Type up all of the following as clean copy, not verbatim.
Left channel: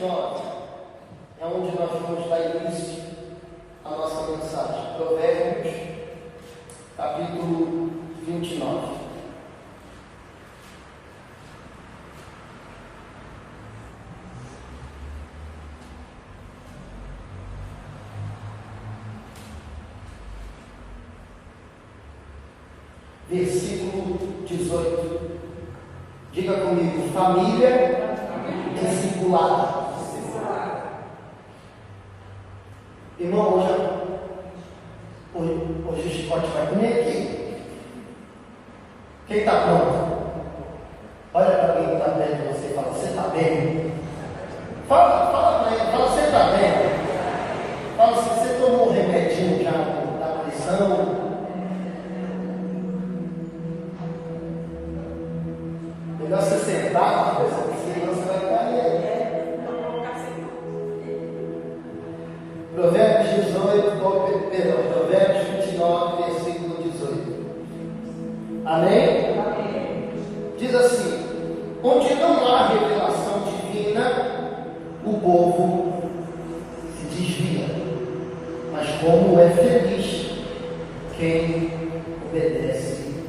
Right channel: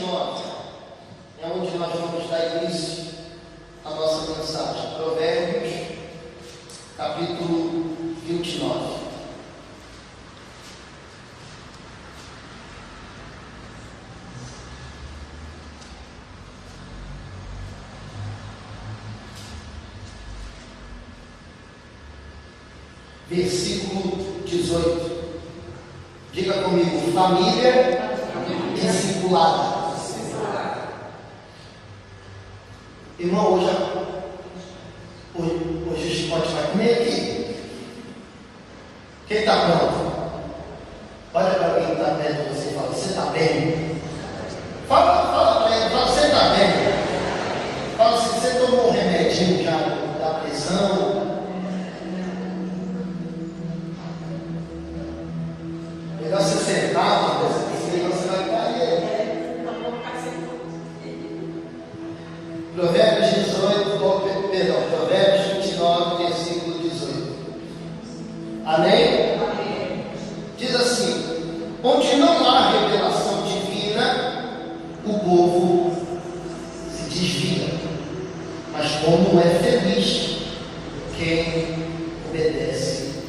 29 é onde nós vamos dar início à nossa mensagem. Provérbios, capítulo 29. Versículo 18. Diga comigo: família discipulada. Irmão, hoje o chicote vai comer aqui. Quem está pronto? Olha para quem está perto de você e fala: você está bem? Fala para ele, fala: você está bem? Fala assim: você tomou um remedinho já da pressão? Melhor você sentar, senão você vai cair. Provérbios 29, versículo 18. Amém? Amém? Diz assim: onde não há revelação divina, o povo se desvia, mas como é feliz quem obedece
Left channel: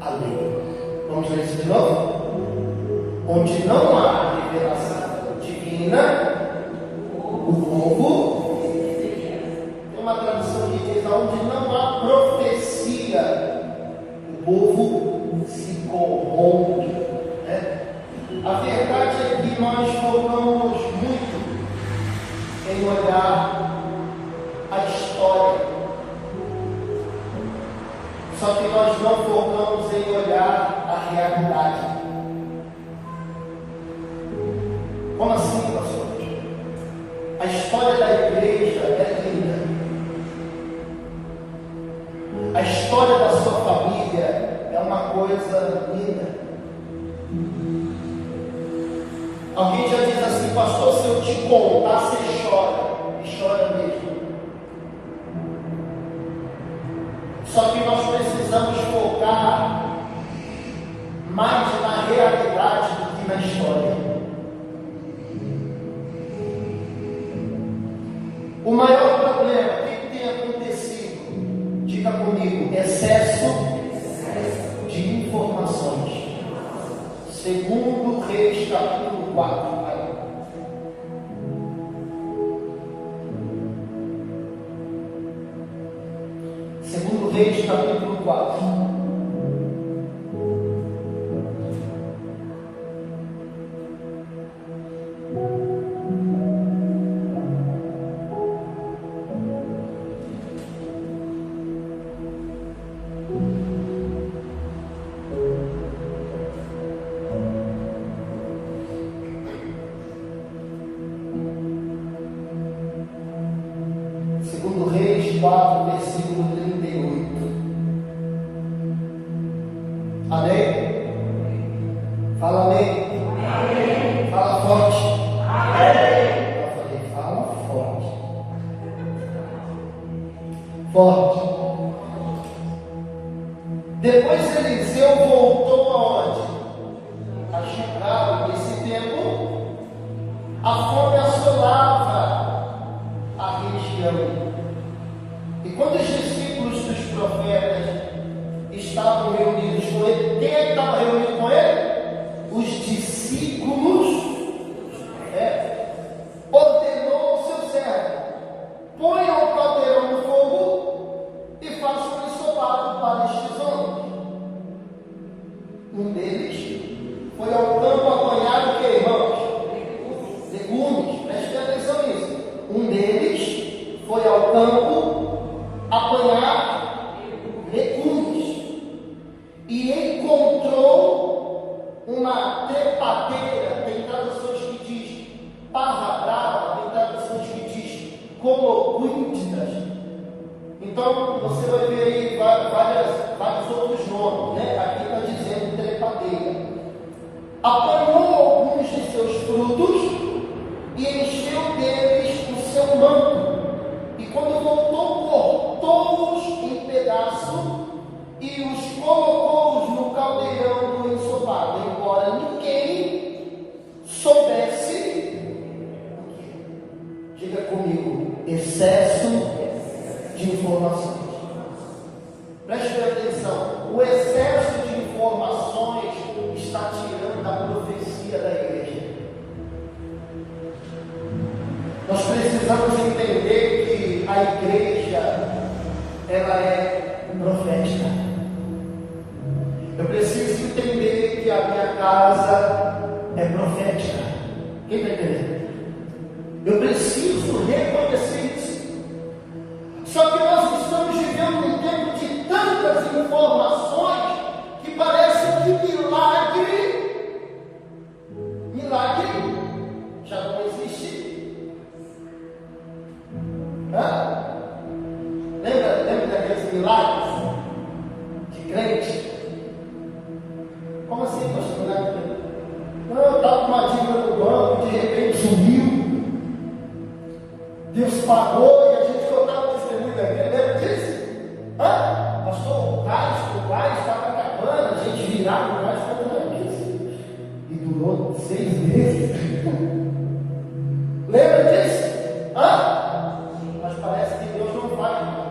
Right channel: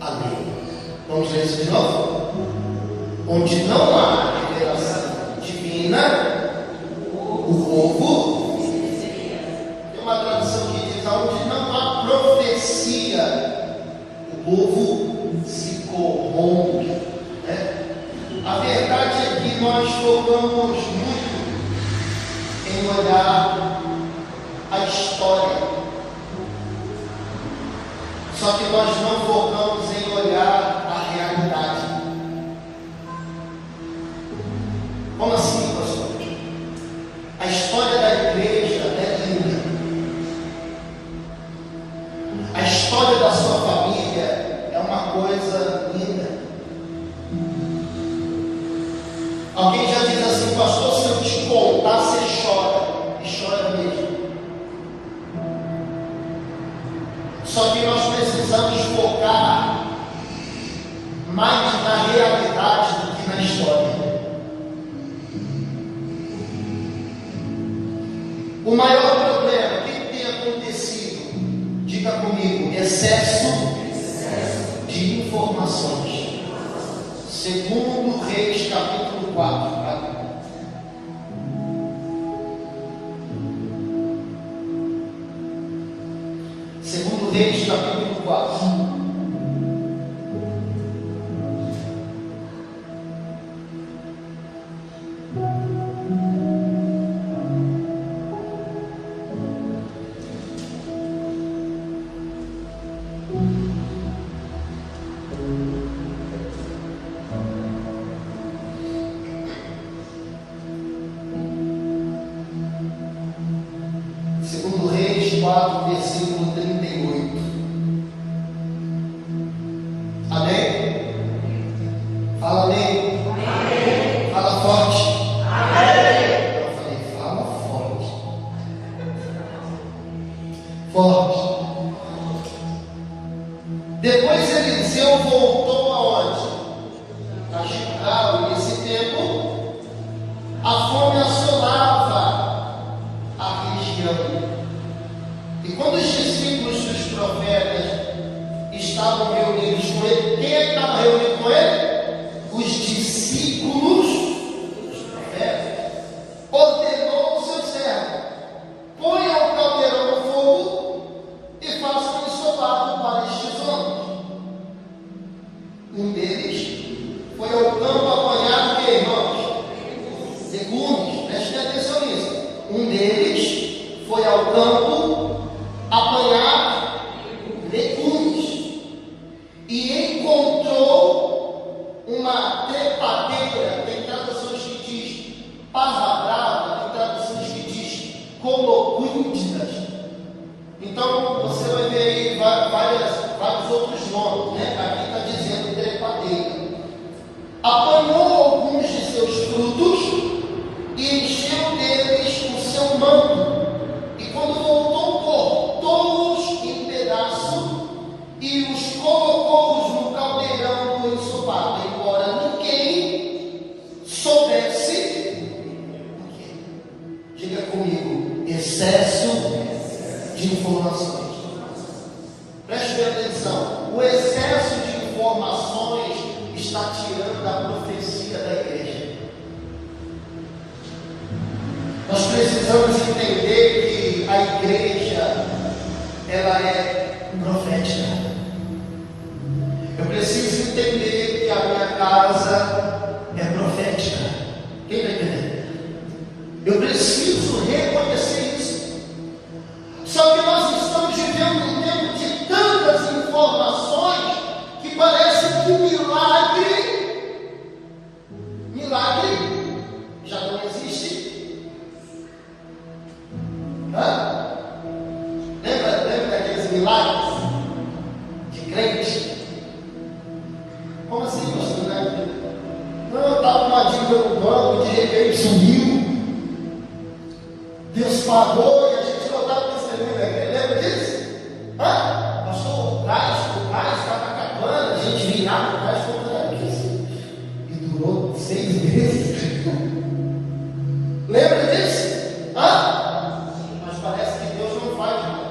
à lei. Vamos ler isso de novo? Onde não há revelação divina, o povo. Tem uma tradução que diz: onde não há profecia, o povo se corrompe, né? A verdade é que nós focamos muito em olhar a história, só que nós não focamos em olhar a realidade. Como assim, pastor? A história da igreja é linda. A história da sua família é uma coisa linda. Alguém já diz assim: pastor, se eu te contar, você chora. E chora mesmo. Só que nós precisamos focar mais na realidade do que na história. O maior problema, o que tem acontecido? Diga comigo: excesso de informações. Segundo Reis, capítulo 4. Segundo Reis, capítulo 4. Segundo Reis 4, versículo 38. Amém? Fala amém. Amém. Fala forte. Amém. Eu falei: fala forte. Forte. Depois Eliseu voltou aonde? A Gilgal. Nesse tempo, a fome assolava a região. E quando os discípulos dos profetas estavam reunidos com ele, quem é que estava reunido com ele? Os discípulos dos profetas. Ordenou o seu servo: ponha o caldeirão no fogo e faça um ensopado para estes homens. Um deles foi ao campo apanhar o que, irmãos? Legumes. Preste atenção nisso. Um deles foi ao campo apanhar legumes e encontrou uma trepadeira. Tem traduções que diz parra brava, tem traduções que diz colocúntidas. Então você vai ver aí vários outros nomes, né? Aqui está dizendo trepadeira. Apanhou alguns de seus frutos e encheu deles o seu manto. E quando voltou, cortou-os em pedaços e os colocou-os no caldeirão do ensopado, embora ninguém soubesse informações. Preste bem atenção. O excesso de informações está tirando a profecia da igreja. Nós precisamos entender que a igreja, ela é profética. Eu preciso entender que a minha casa é profética. Quem está entendendo? Eu preciso reconhecer isso. Só que nós estamos vivendo um tempo de tantas informações que parece que milagre já não existe. Lembra daqueles milagres de crente? Como assim, pastor? Não, eu estava com uma dívida no banco, de repente sumiu. Deus pagou e a gente contava testemunho aqui. Lembra disso? Pastor, o gás estava acabando, a gente virava o gás contra isso. E durou 6 meses. Lembra disso? Mas parece que Deus não faz mais.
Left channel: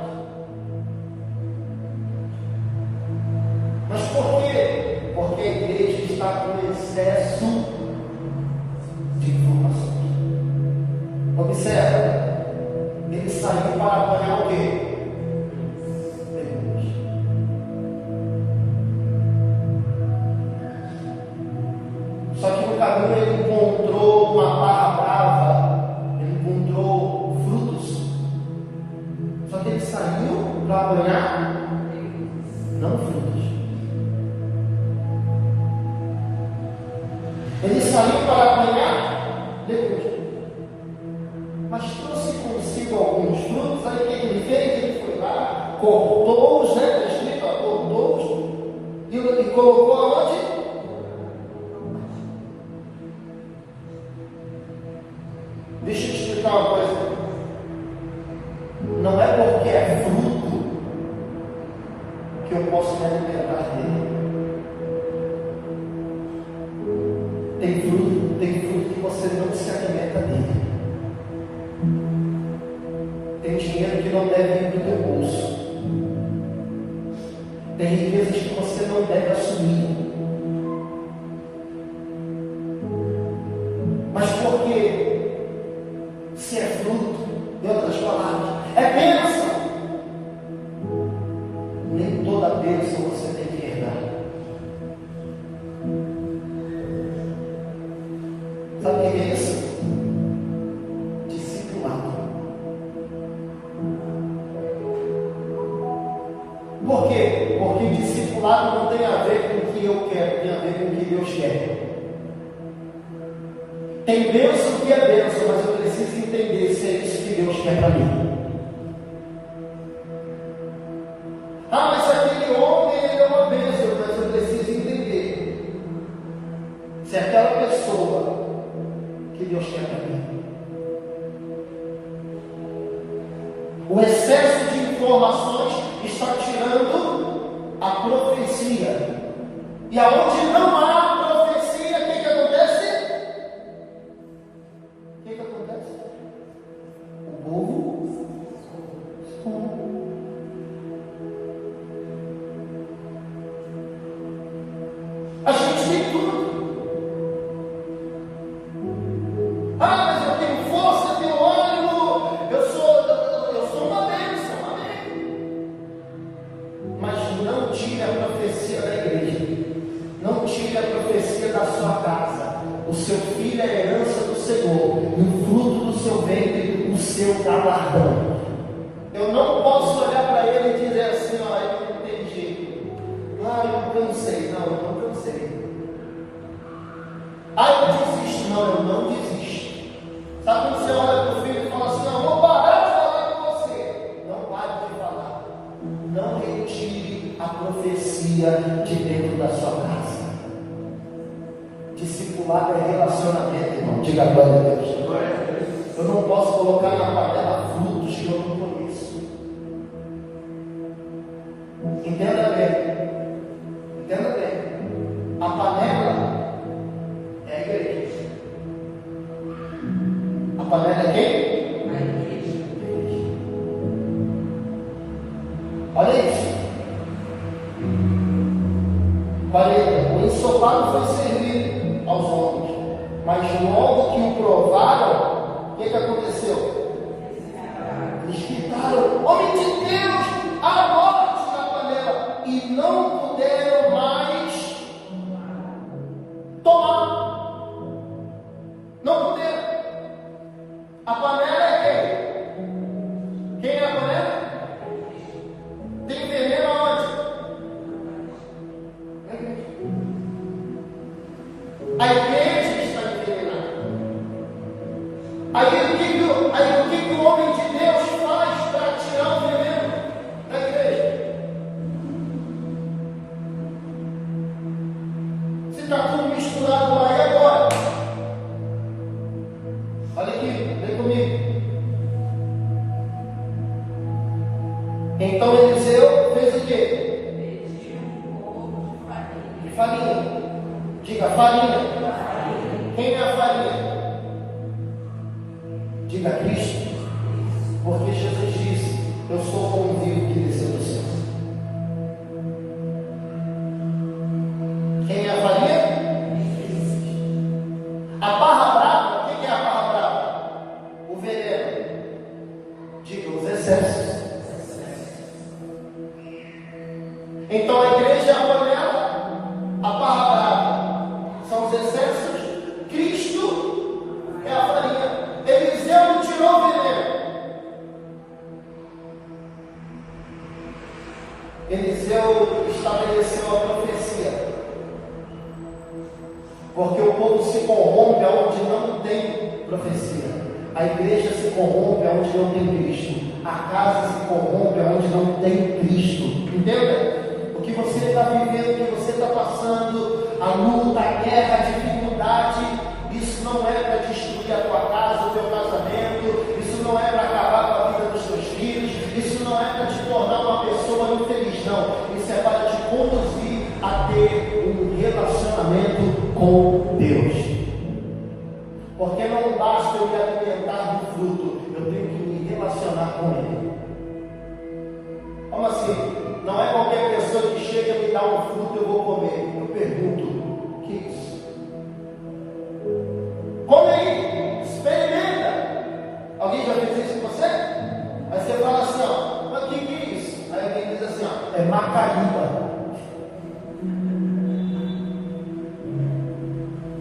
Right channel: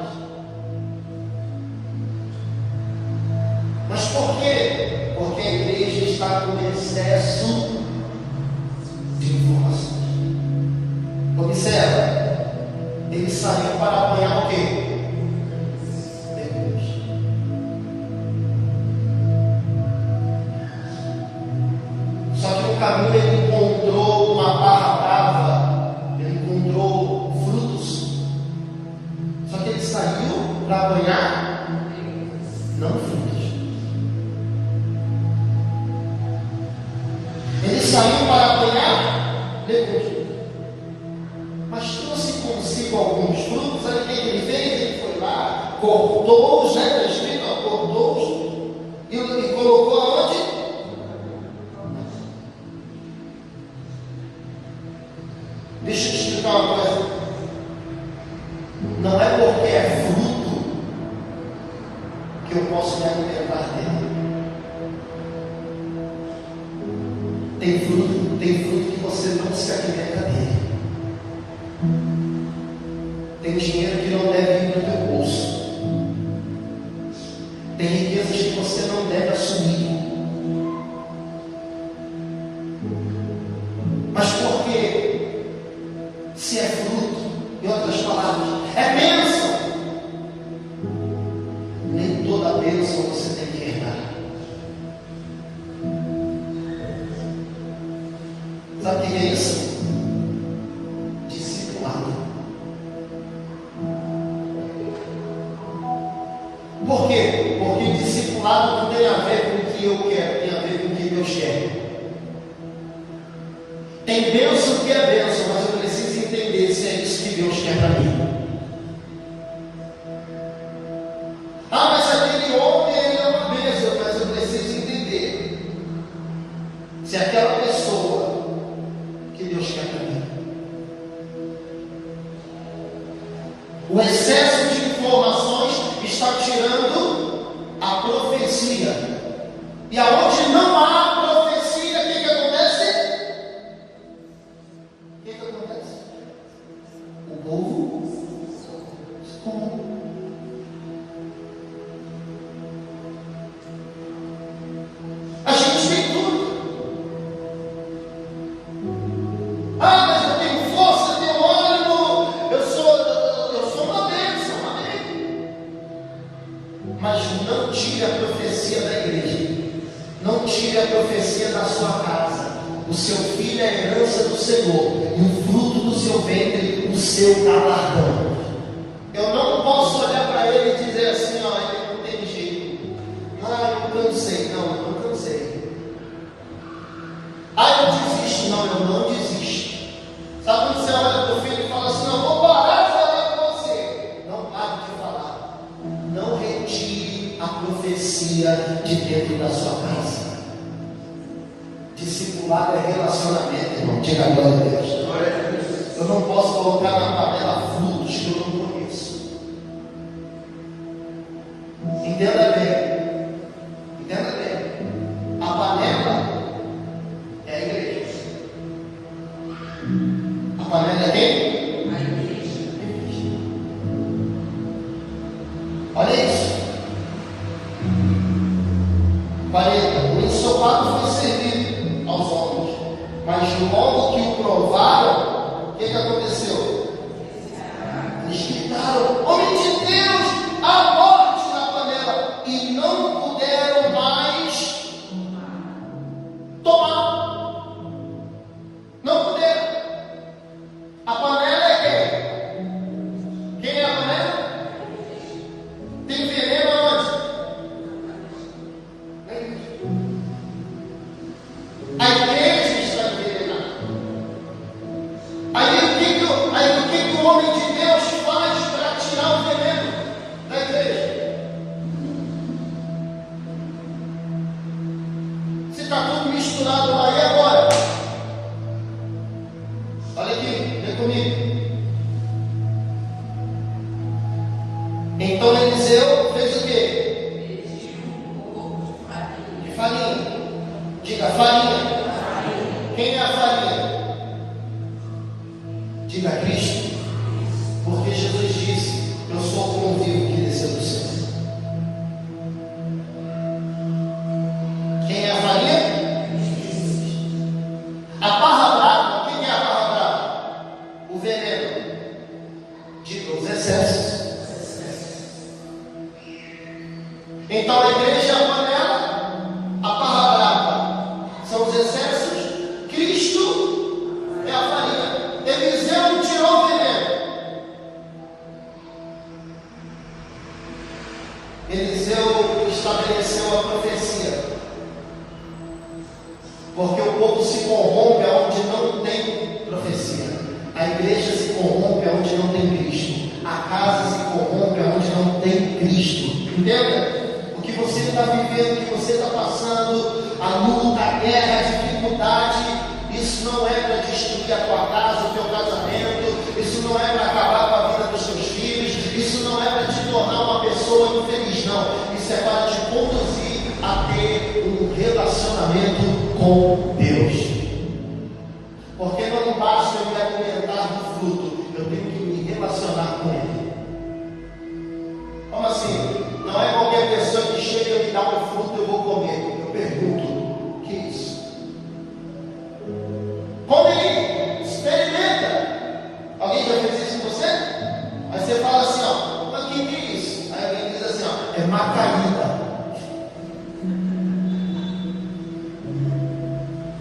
Mas por quê? Porque a igreja está com excesso de informações. Observa. Ele saiu para apanhar o quê? Deus. Só que no caminho ele encontrou uma barra brava, ele encontrou frutos. Só que ele saiu para apanhar, não frutos. Ele saiu para apanhar legumes. Mas trouxe consigo alguns frutos. Aí o que ele fez? Ele foi lá, cortou-os, né? Está escrito, cortou-os e colocou aonde? Deixa eu te explicar uma coisa. Não é porque é fruto que eu posso me alimentar dele. Tem fruto que você não se alimenta dele. Tem dinheiro que não deve ir para o teu bolso. Tem riquezas que você não deve assumir. Mas por quê? Se é fruto, em outras palavras, é bênção. Nem toda bênção você tem que herdar. Sabe o que é isso? Discipulado. Por quê? Porque discipulado não tem a ver com o que eu quero, tem a ver com o que Deus quer. Tem bênção que é bênção, mas eu preciso entender se é isso que Deus quer para mim. Mas aquele homem ele é uma bênção, mas eu preciso entender se é aquela pessoa que Deus quer para mim. O excesso de informações está tirando a profecia. E aonde não há profecia, o que acontece? O que acontece? O povo se corrompe. A gente tem tudo. Mas eu tenho força, eu tenho ânimo, eu sou uma bênção, amém. Mas não tire a profecia da igreja, não tire a profecia da sua casa. O seu filho é a herança do Senhor, e o fruto do seu ventre, o seu galardão. Eu não posso olhar para ele e dizer assim: ele não tem jeito, eu não cansei. Não, eu não cansei. Eu desisto. Não, eu não desisto. Sabe quando você olha para o filho e fala assim: eu vou parar de falar com você? Não pare de falar. Não retire a profecia de dentro da sua casa. Discipulado é relacionamento, irmão. Diga glória a Deus. Eu não posso colocar na panela frutos que eu não conheço. Entenda bem. Entenda bem. A panela é a igreja. A panela é quem? 40. O ensopado foi servido aos homens, mas logo que o provaram, o que aconteceu? Eles gritaram: homem de Deus, a morte na panela, e não puderam mais tomar. Não puderam. A panela é quem? Quem é a panela? Tem veneno aonde? A igreja está envenenada. Aí o que o homem de Deus faz para tirar o veneno da igreja? Se está tudo misturado lá, e agora? Olha aqui, vem comigo. Então Eliseu fez o quê? De farinha. Diga farinha. Quem é a farinha? Diga Cristo. Porque Jesus disse: eu sou o pão vivo que desceu do céu. Quem é a farinha? A barra brava. Quem é a barra brava? O veneno. Diga os excessos. Então a igreja é a panela, a barra brava são os excessos, Cristo é a farinha. Eliseu não tirou o veneno. Eliseu estabeleceu a profecia. Porque o povo se corrompe onde não tem profecia. A igreja se corrompe onde não tem Cristo. A casa se corrompe onde não tem Cristo. Entenda? O que você está vivendo, o que você está passando, a luta, a guerra, a dificuldade, isso não é para destruir a tua casa, o teu casamento, isso não é para acabar com a vida dos teus filhos, isso não é para te tornar uma pessoa infeliz, não. Isso é para te conduzir a ter um relacionamento com Deus. Porque não basta eu me alimentar do fruto, eu tenho que me relacionar com Ele. Como assim? Não é qualquer pessoa que chega e me dá um fruto eu vou comer. Eu pergunto: o que é isso? Come aí, experimenta. Alguém já fez isso com você? Aí você fala assim: ó, mas o que é isso? Aí alguém diz assim: ó, é macaíba.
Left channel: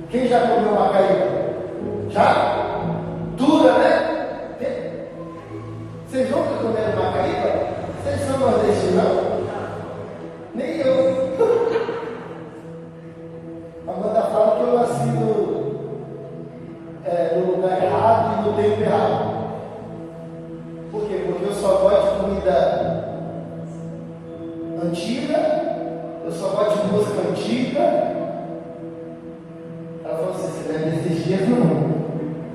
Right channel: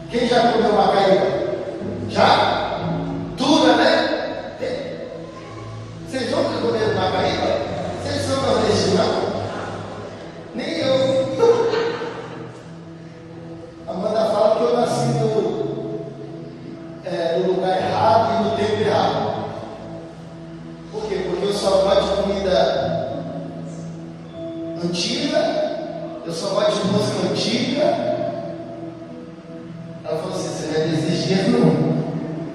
Quem já comeu macaíba? Já? Dura, né? Vocês nunca comeram macaíba? Vocês são nordestinos, não? Nem eu. A Amanda fala que eu nasci no lugar errado e no tempo errado. Por quê? Porque eu só gosto de comida antiga, eu só gosto de música antiga. Ela falou assim: você não é desses dias, não.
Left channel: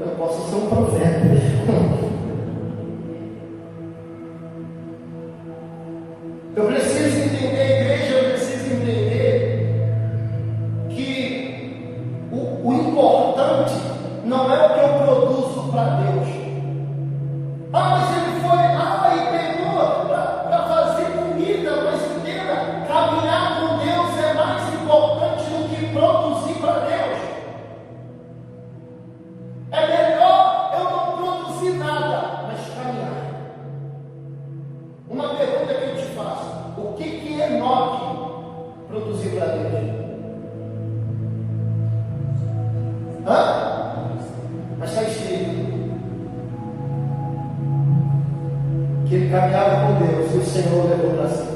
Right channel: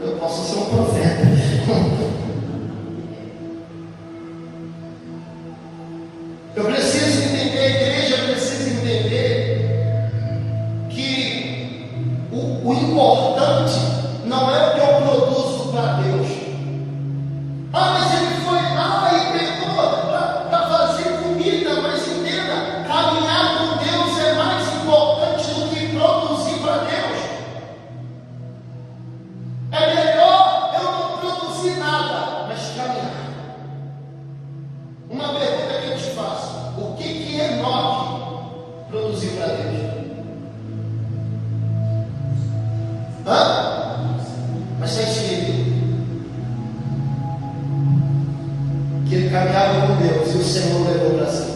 Eu posso ser um profeta. Eu preciso entender, a igreja precisa entender que o importante não é o que eu produzo para Deus. Ah, mas ele foi lá e pegou para fazer comida, mas entenda, caminhar com Deus é mais importante do que produzir para Deus. É melhor eu não produzir nada, mas caminhar. Uma pergunta que eu te faço: o que Enoque produziu para Deus? Hã? Mas está escrito que ele caminhava com Deus e o Senhor o levou para si.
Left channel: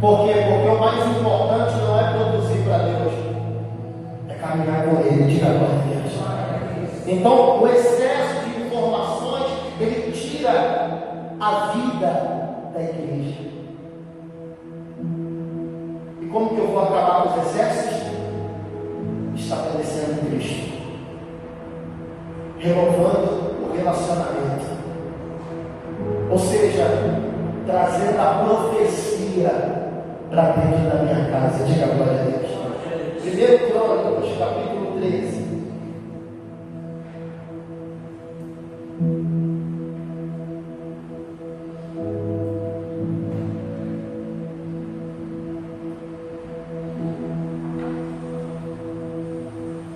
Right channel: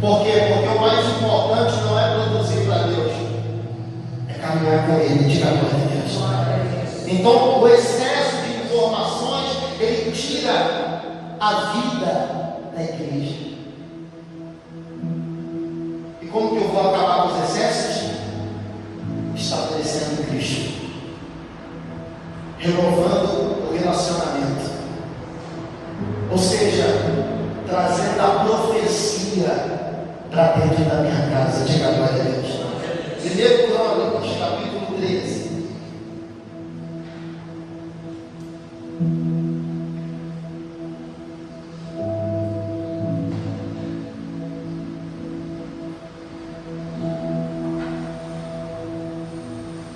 Por quê? Porque o mais importante não é produzir para Deus, é caminhar com Ele. Diga a glória a Deus. Então o excesso de informações, ele tira a vida da igreja. E como que eu vou acabar com os excessos? Estabelecendo Cristo, renovando o relacionamento, ou seja, trazendo a profecia para dentro da minha casa. Diga a glória a Deus. 1 Crônicas, capítulo 13.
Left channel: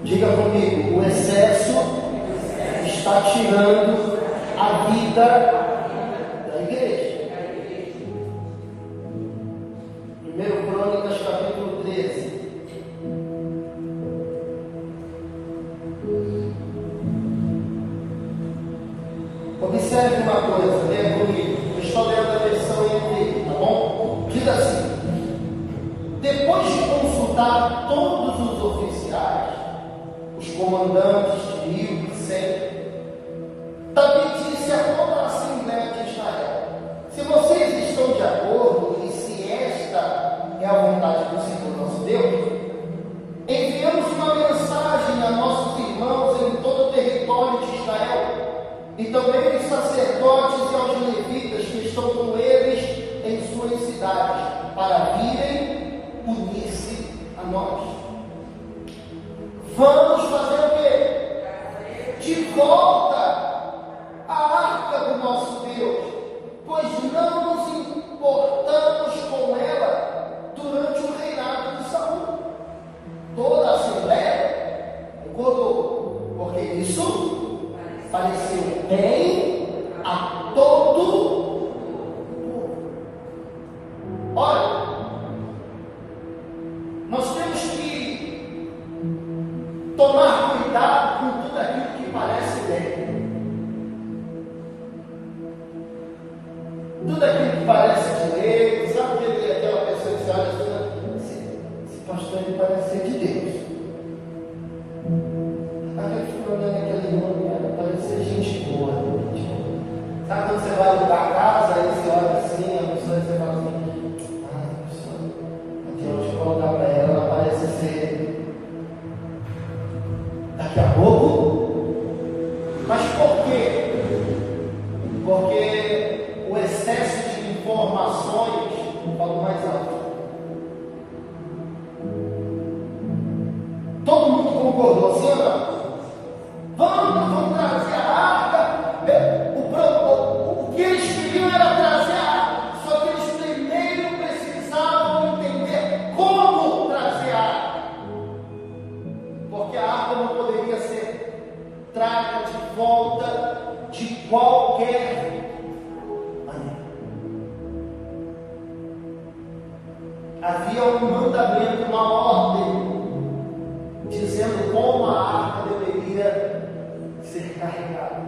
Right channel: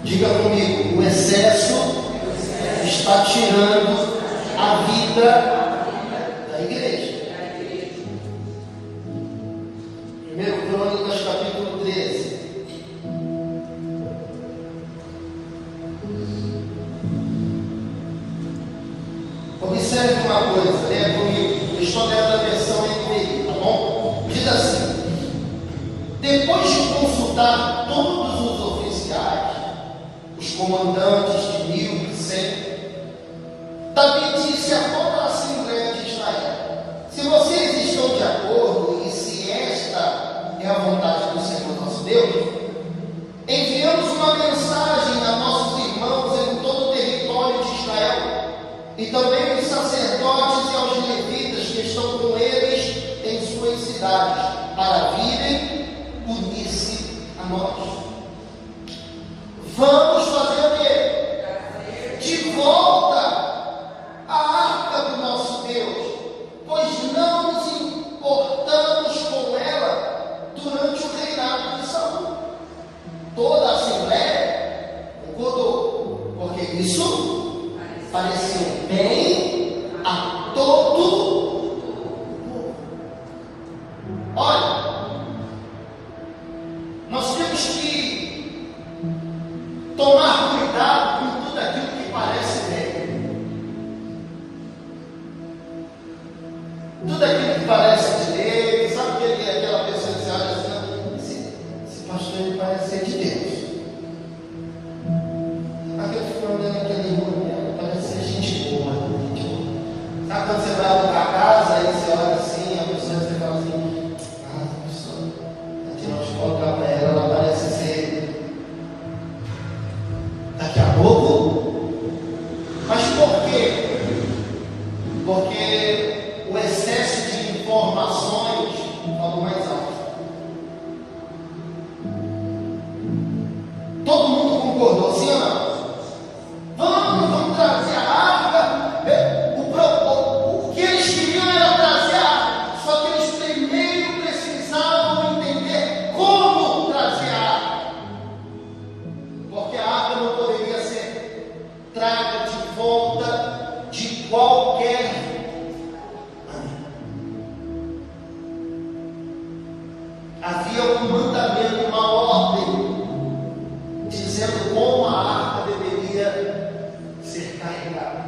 Diga comigo, o excesso está tirando a vida da igreja. 1 Crônicas, capítulo 13. Observe uma coisa, leia comigo. Eu estou lendo a versão NVI, tá bom? Diz assim: depois de consultar todos os oficiais, os comandantes de 1.100, Davi disse a toda a Assembleia de Israel: se vocês estão de acordo e se esta é a vontade do Senhor nosso Deus, enviamos uma mensagem a nossos irmãos em todo o território de Israel, e também os sacerdotes e aos levitas que estão com eles em suas cidades, para virem unir-se a nós. Vamos fazer o quê? De volta a arca do nosso Deus, pois não nos importamos com ela durante o reinado de Saul. Toda a Assembleia concordou, porque isso pareceu bem a todo o povo. Olha, nós temos que tomar cuidado com tudo aquilo que parece bem. Tudo aquilo que parece direito, sabe aquela pessoa que você olha assim, esse pastor ele parece ser de Deus. Aquele ficou olhando aquele irmão, parece ser gente boa, Sabe quando você vai alugar a casa, aí você olha assim, a pessoa você fala assim, a pessoa, tem onde colocar para ela, ela parece ser daqui a pouco. Mas por quê? Porque o excesso de informações falou mais alto. Todo mundo concordou, sim ou não? Vamos trazer a arca. O que eles queriam era trazer a arca, só que eles primeiro precisavam entender como trazer a arca, porque a arca não poderia ser traga de volta de qualquer maneira. Havia um mandamento, uma ordem, dizendo como a arca deveria ser carregada.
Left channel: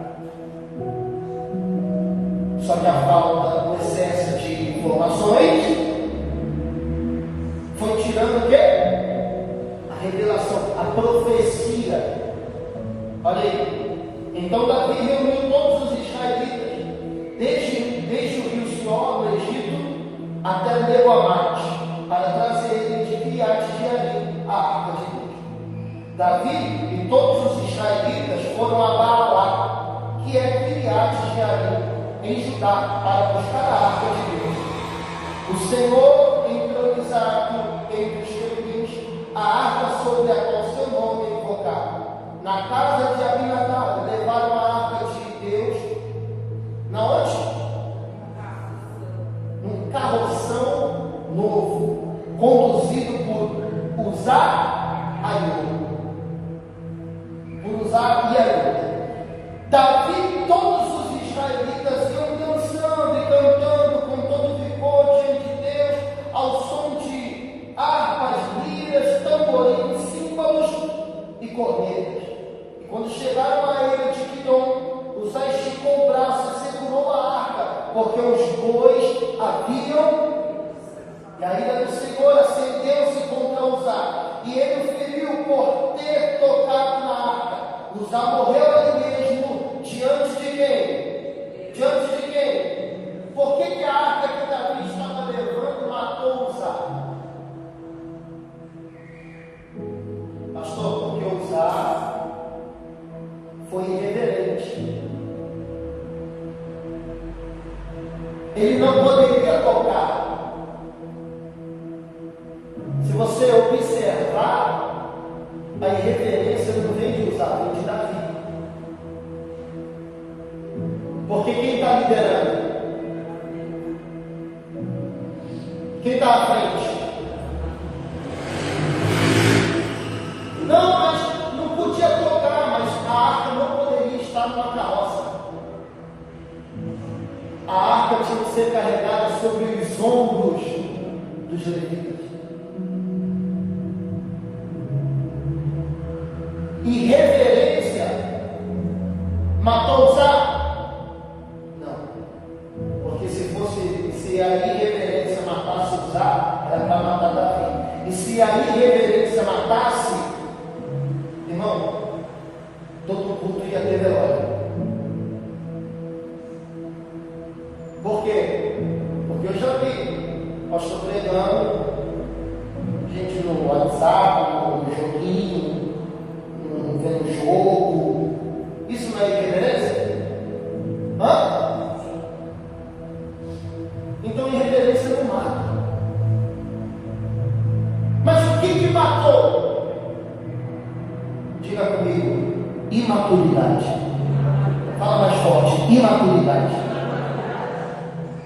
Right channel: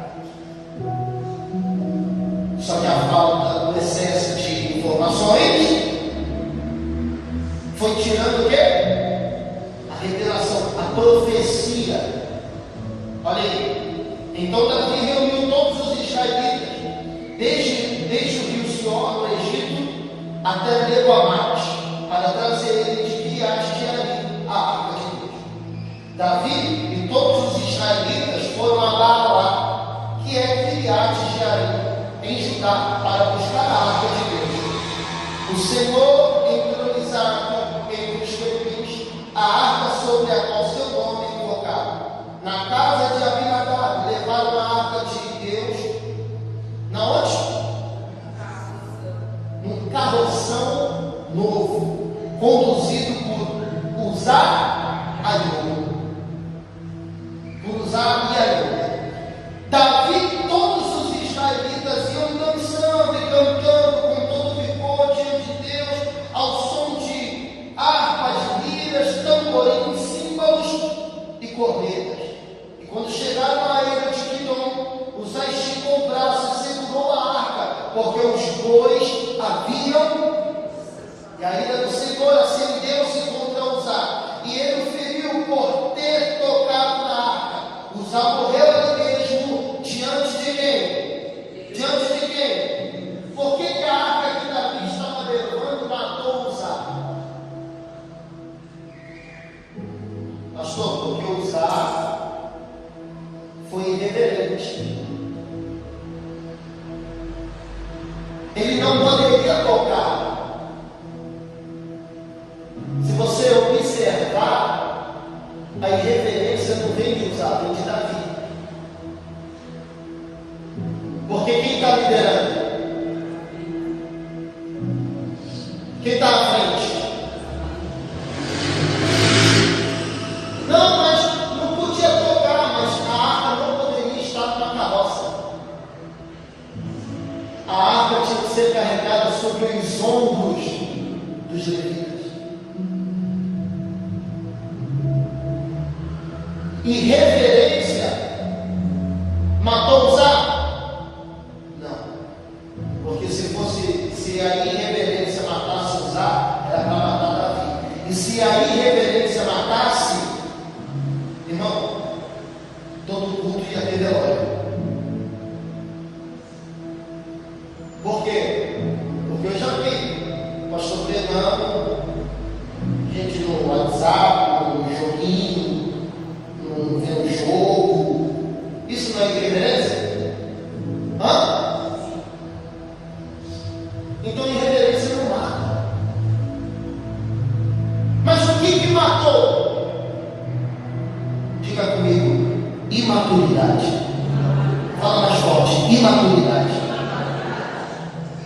Só que a falta, o excesso de informações foi tirando o quê? A revelação, a profecia. Olha aí. Então Davi reuniu todos os israelitas, desde o rio Sior, no Egito, até Lebo-Amate, para trazer ele de Quiriate-Jearim, a arca de Deus. Davi e todos os israelitas foram a Baalá, que é Quiriate-Jearim, em Judá, para buscar a arca de Deus. O Senhor entronizado entre os querubins, a arca sobre a qual seu nome é invocado. Na casa de Abinadab levaram a arca de Deus. Na onde? Num carroção novo, conduzido por Uzá-Aiô. Por Uzá-Aiô. Davi e todos os israelitas iam dançando e cantando com todo vigor diante de Deus, ao som de harpas, liras, tamborins, símbolos e cornetas. E quando chegaram à ilha de Quidom, Uzá esticou o braço e segurou a arca, porque os bois haviam, e a ira do Senhor acendeu-se contra Uzá, e ele o feriu por ter tocado na arca. Uzá morreu ali mesmo, diante de quem? Diante de quem? Por que a arca que Davi estava levando matou Uzá? Pastor, porque Uzá foi irreverente. Ele não poderia tocar. Se você observar, a irreverência não vem de Uzá, vem de Davi. Porque quem está liderando? Quem está à frente? Não, mas não arca tinha que ser carregada sobre os ombros dos levitas. Irreverência matou Uzá? Não. Porque se a irreverência matasse Uzá, era para matar Davi. E se a irreverência matasse, irmão, todo culto ia ter velório. Por quê? Porque eu já vi pastor pregando, gente no WhatsApp, no joguinho, vendo jogo. Isso não é irreverência? Hã? Então irreverência não mata. Mas o que matou? Diga comigo: imaturidade. Fala mais forte: imaturidade.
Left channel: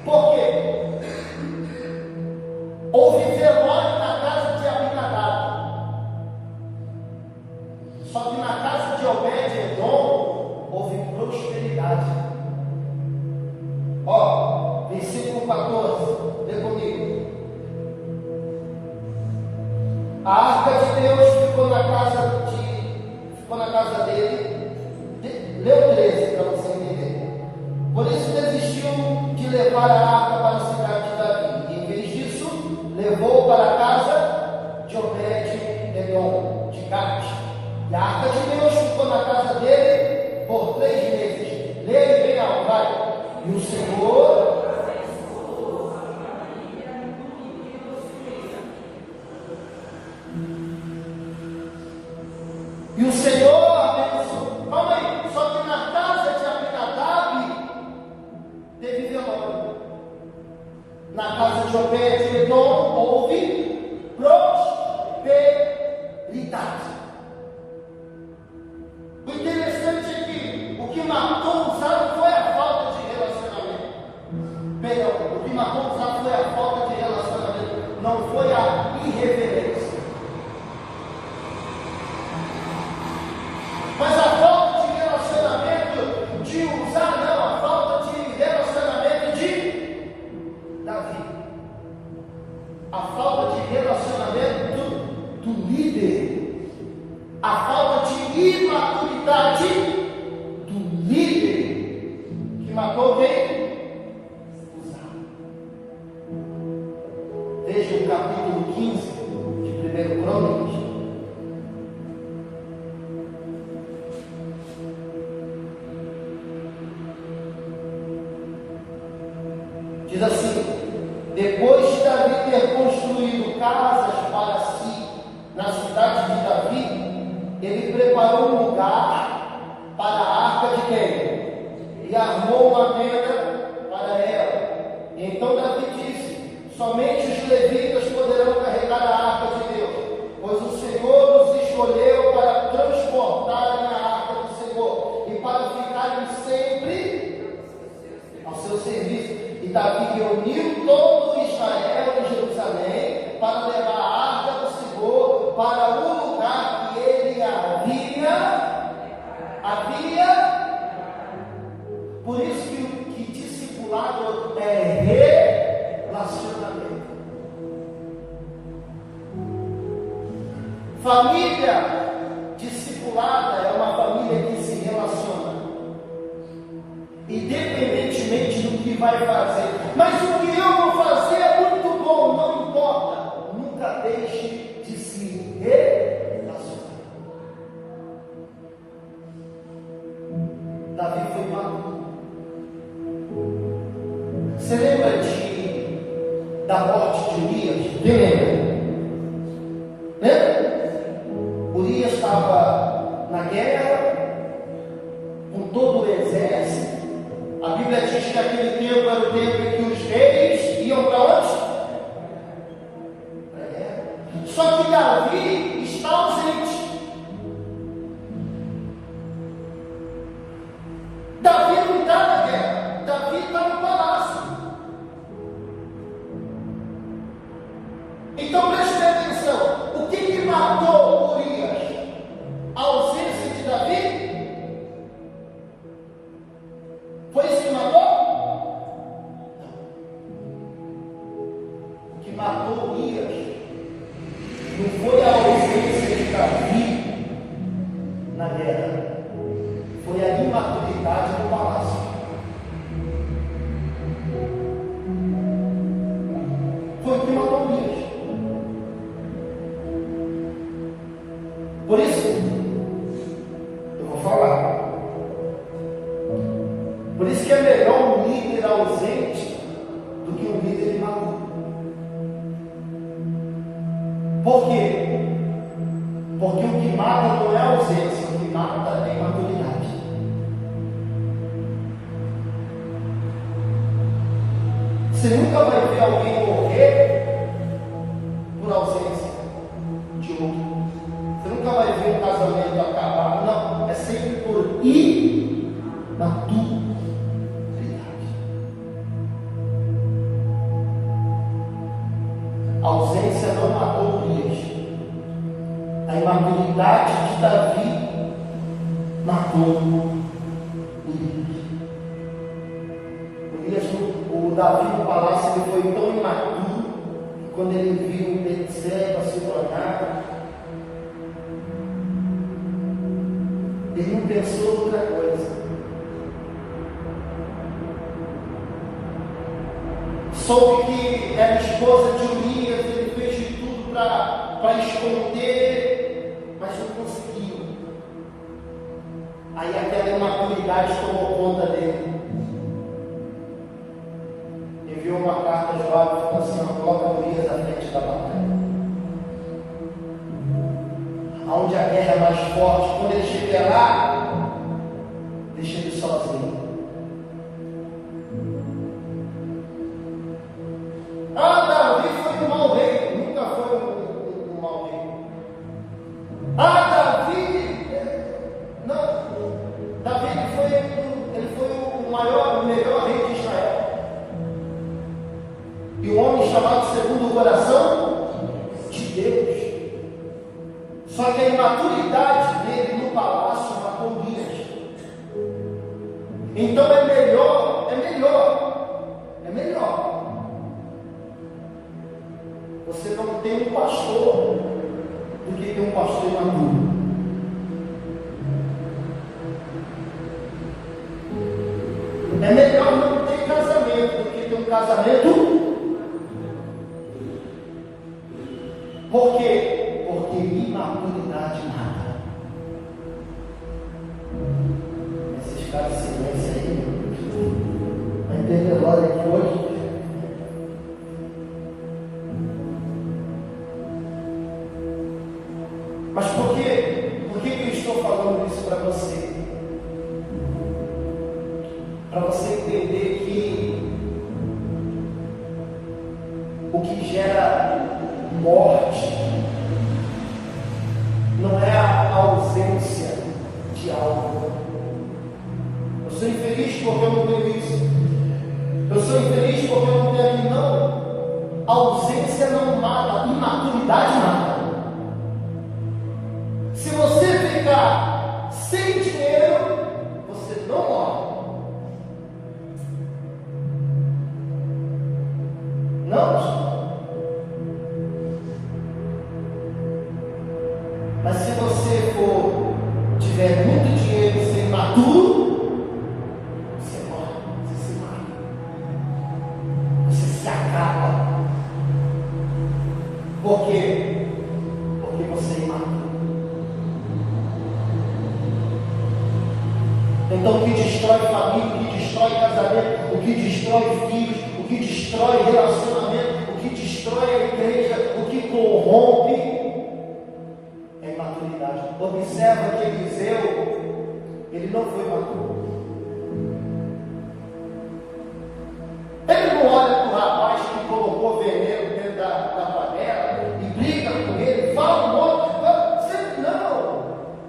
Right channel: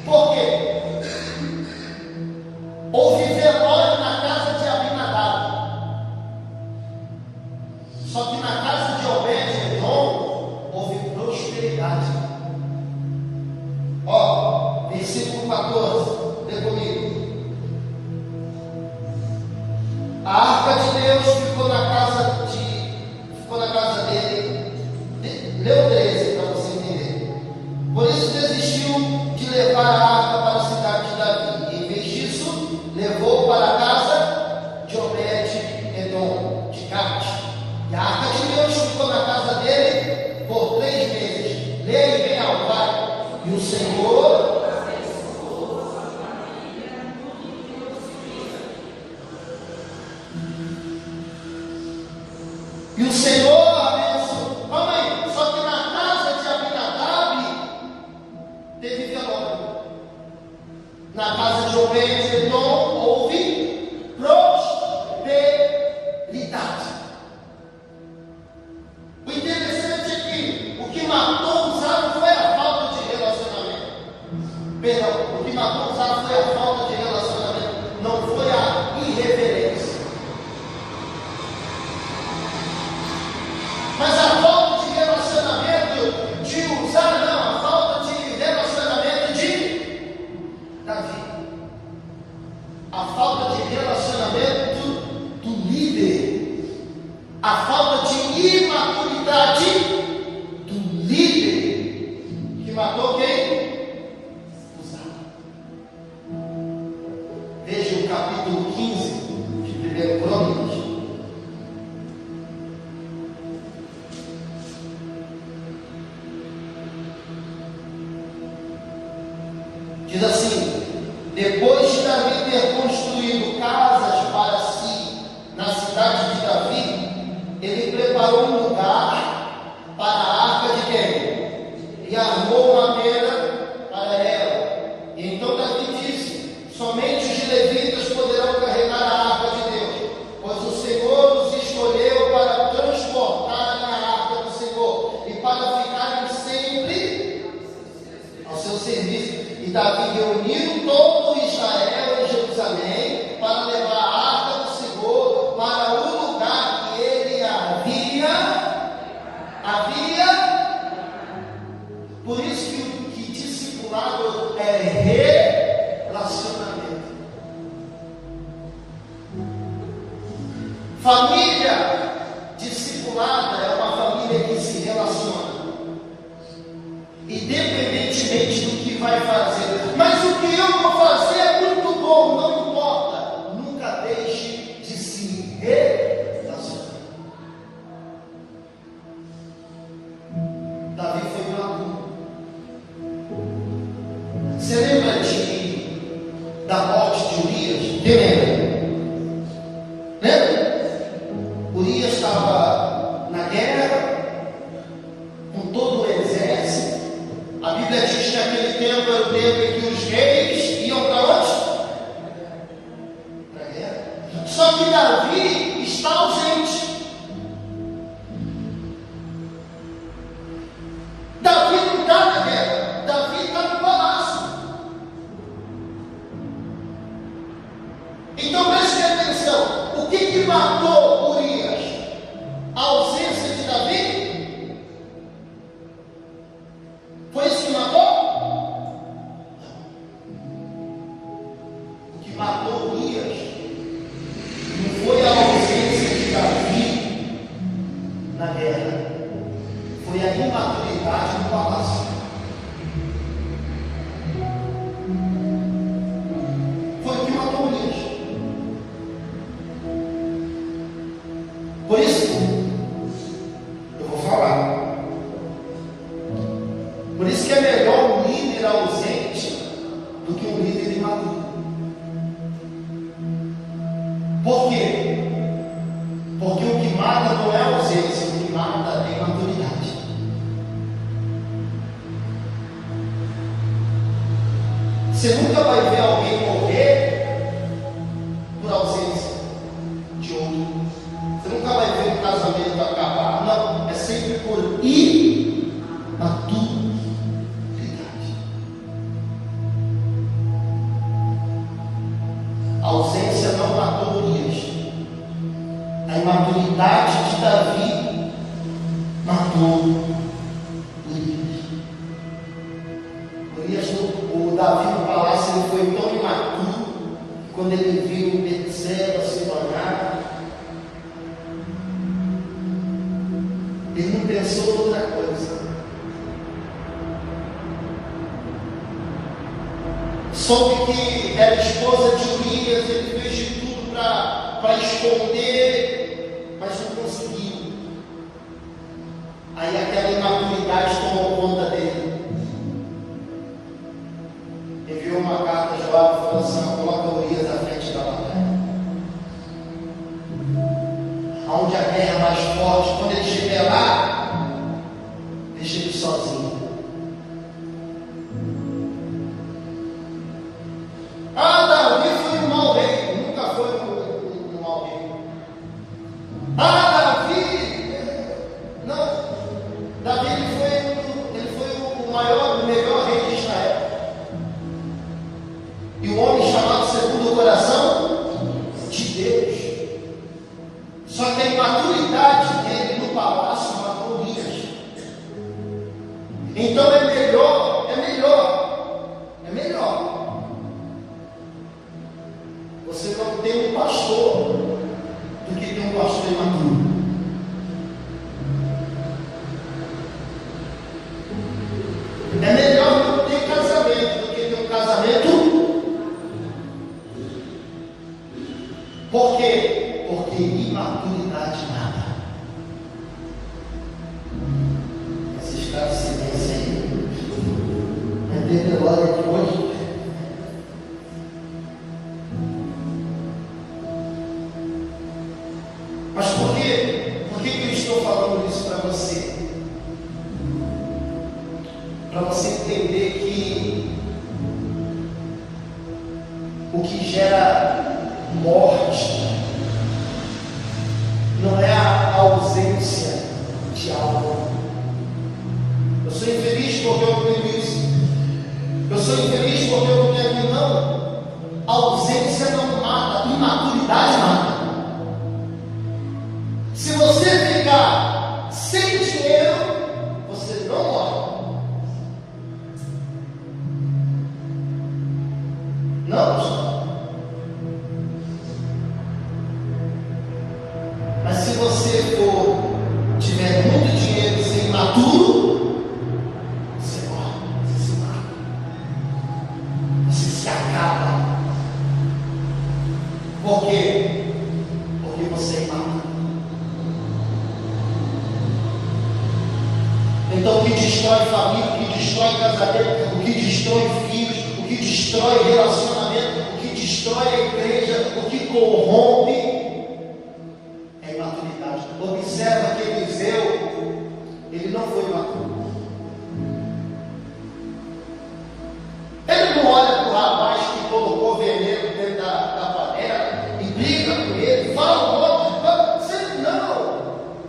Por quê? Houve velório na casa de Abinadab. Só que na casa de Obed-Edom houve prosperidade. Ó, versículo 14, lê comigo. A arca de Deus ficou na casa dele. Leu 13 para você entender. Por isso desistiu de levar a arca para a cidade de Davi. E em vez disso, levou para a casa de Obed-Edom, de Gate. E a arca de Deus ficou na casa dele por 3 meses. Leia aí bem alto, vai. E o Senhor abençoou. Calma aí, só que na casa de Abinadab teve velório. Na casa de Obed-Edom houve prosperidade. O interessante é que o que matou Uzá não foi a falta de relacionamento. Perdão, o que matou Uzá foi a falta de relacionamento, não foi a irreverência. Mas a falta de relacionamento de Uzá não, a falta de relacionamento de Davi. A falta de relacionamento do líder. A falta de imaturidade do líder que matou quem? Uzá. Veja o capítulo 15 de 1 Crônicas. Diz assim: depois de Davi ter construído casas para si na cidade de Davi, ele preparou um lugar para a arca de quem? E armou uma tenda para ela. E então Davi disse: somente os levitas poderão carregar a arca de Deus, pois o Senhor os escolheu para transportar a arca do Senhor e para ficarem sempre ao seu serviço. E Davi reuniu todo Israel em Jerusalém para levar a arca do Senhor para o lugar que ele havia. Por isso que discipulado é relacionamento. Família discipulada é uma família que se relaciona, independentemente do que vai fazer. Mas o que eu vou fazer é muito bom, não importa. Nunca deixe de se relacionar. Davi foi maduro. Você lembra da morte de Urias? Quem lembra? Lembra? Urias estava na guerra com todo o exército. A Bíblia diz que aquele tempo era o tempo em que os reis iam para onde? Para a guerra. Só que Davi está ausente. Davi não está na guerra. Davi está no palácio. Então preste atenção. O que matou Urias? A ausência de Davi? Foi isso que matou? na guerra foi a imaturidade do palácio. Foi o que matou Urias. Por isso, eu vou falar. Por isso que é melhor um líder ausente do que um líder imaturo. Por quê? Porque o que mata não é a ausência, o que mata é a imaturidade. Você nunca vai ver alguém morrer por ausência de outro. Você nunca vai ver um casamento acabar. Não, é sempre por imaturidade. A ausência não matou Urias. A imaturidade de Davi matou Urias. O Davi no palácio, ele foi tão imaturo que quando ele viu Betseba se tornar, ele não pensou em outra coisa. Soube que era esposa de Urias, ele fez de tudo para esconder, mas não conseguiu. Aí aquela imaturidade tomou conta dele. Enviou uma carta a Joabe e falou assim: coloca Urias à frente da batalha. Aonde a guerra é mais forte, quando ele estiver lá, deixa ele sozinho. Davi foi um mau rei. Nunca foi um mau rei. Davi ele foi o maior, o melhor rei de Israel. E o homem chamado segundo o coração de Deus. Só que a imaturidade dele no palácio matou Urias. Então é melhor você não ter um pastor do que ter um pastor imaturo. É melhor não ter casamento do que ter um casamento. Por quê? Porque imaturidade mata. Esses caras de silêncio aí. Vai ter velório aqui hoje. Mas por que eu estou falando isso para você? Para você entender que o que gera morte não é a ausência de algo. Eu sou infeliz porque eu não tenho isso. Eu sou infeliz porque eu não tenho aquilo. Não. A ausência não mata, imaturidade mata. Se você ficar sem dinheiro, você não morre. Não. Mas se você tiver muito dinheiro e ser imaturo, você morre, você se mata, você se acaba. Por quê? Porque você é imaturo. Então o que destrói família, o que destrói casamento, o que destrói filhos, o que destrói relacionamento, o que destrói a igreja, o que corrompe é imaturidade. Observa que Eliseu, ele não foi maturo. Ele não olha para o rapaz que colocou veneno dentro da panela e briga com ele, fala um monte. Não,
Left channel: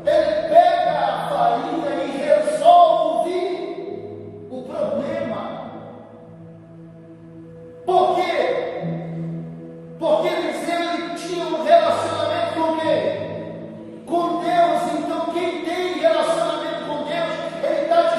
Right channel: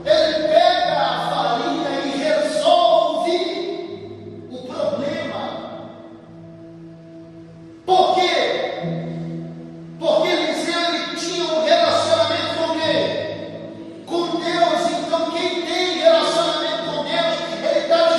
ele pega a farinha e resolve o problema. Por quê? Porque Eliseu ele tinha um relacionamento com quem? Com Deus. Então quem tem relacionamento com Deus, ele está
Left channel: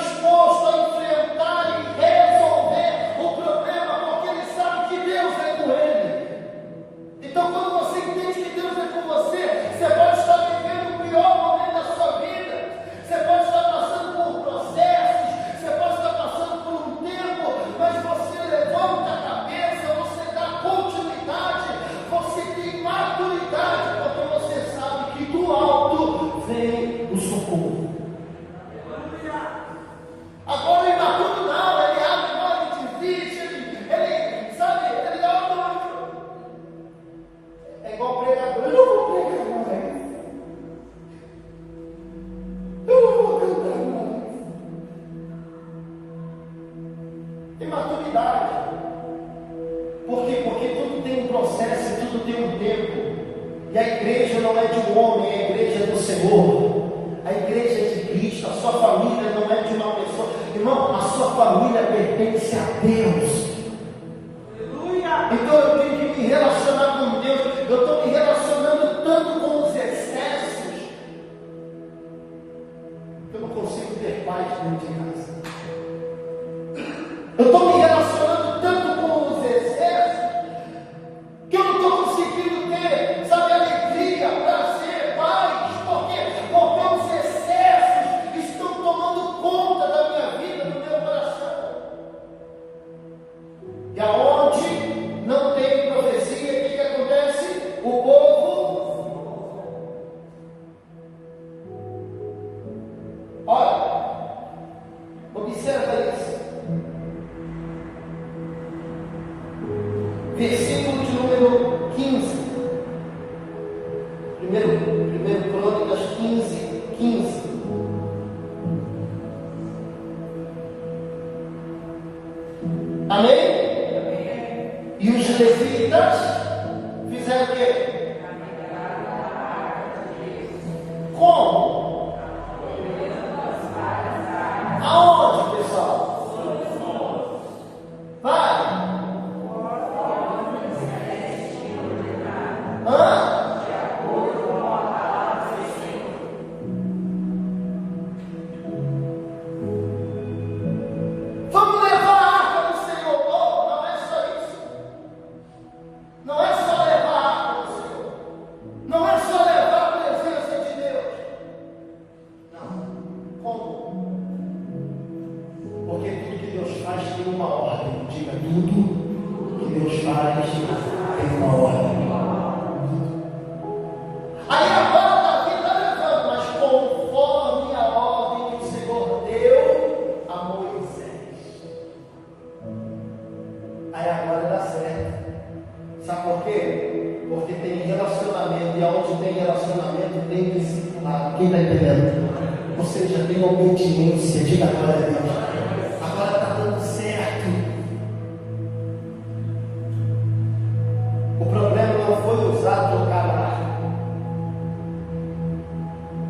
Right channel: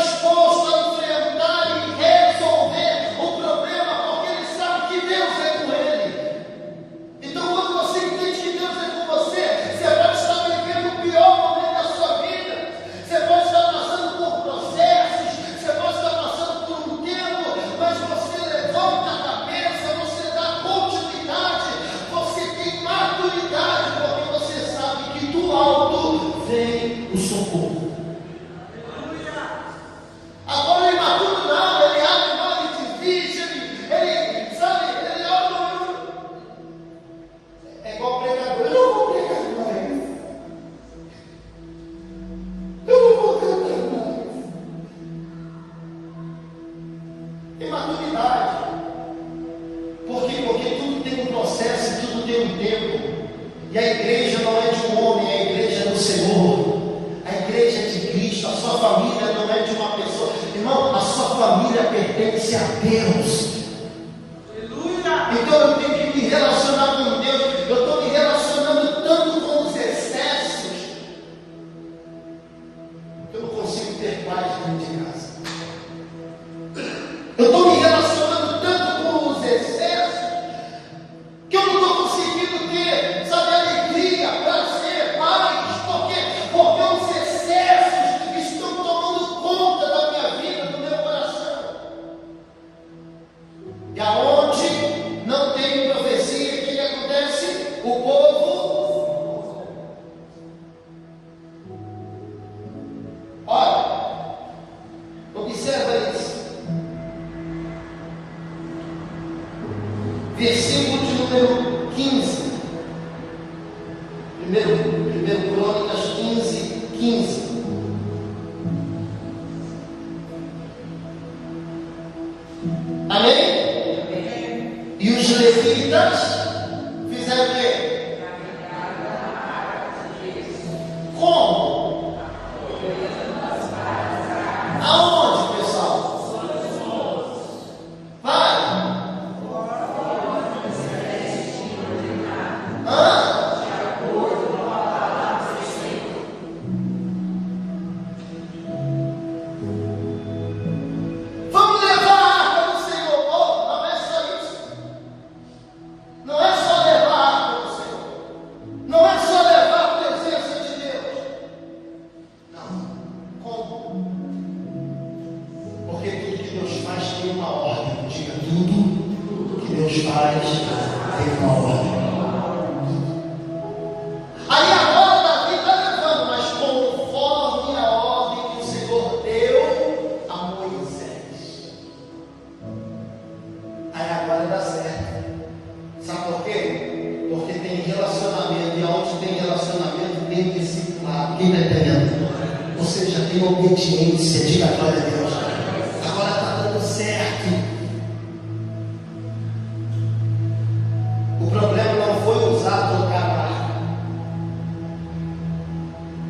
templo. E a igreja não é de um homem, a igreja é do Senhor. A igreja é de Cristo, a sua família não é de uma pessoa. Irmão, a sua família pertence a Deus. Então eu tenho que me relacionar com Deus. Eu estou me relacionando tanto com os excessos que eu não consigo ter paz dentro de casa. Eu estou me relacionando tanto com os excessos que eu não estou conseguindo ter, sabe, alegria, prazer, paz. Por quê? Porque os excessos estão tomando conta da minha vida, do meu coração. E aonde não tem profecia, o que acontece? O povo, olha, observa isso. Versículo de número 15. Primeiro Crônicas 15. Amém? E os levitas fizeram o quê? Como? Aonde, pessoal? Vai. Vamos levar a arca do Senhor. Oh, não é só isso. Não é só levar a arca do Senhor. Não é só levar a presença de Deus. Não. Como? Porque tudo que Deus faz tem uma ordem. Diga, tudo que Deus faz tem uma ordem. Aí agora Davi está levando, mas conforme a ordem que o Senhor deu a Moisés. Aí agora dá certo. Sabe por quê? Porque tem relacionamento, e aonde tem relacionamento tem discipulado. Quem está entendendo? Ou seja, tem obediência. Diga glória a Deus. Agora está dando certo. O problema não foi usar, trocar a arca.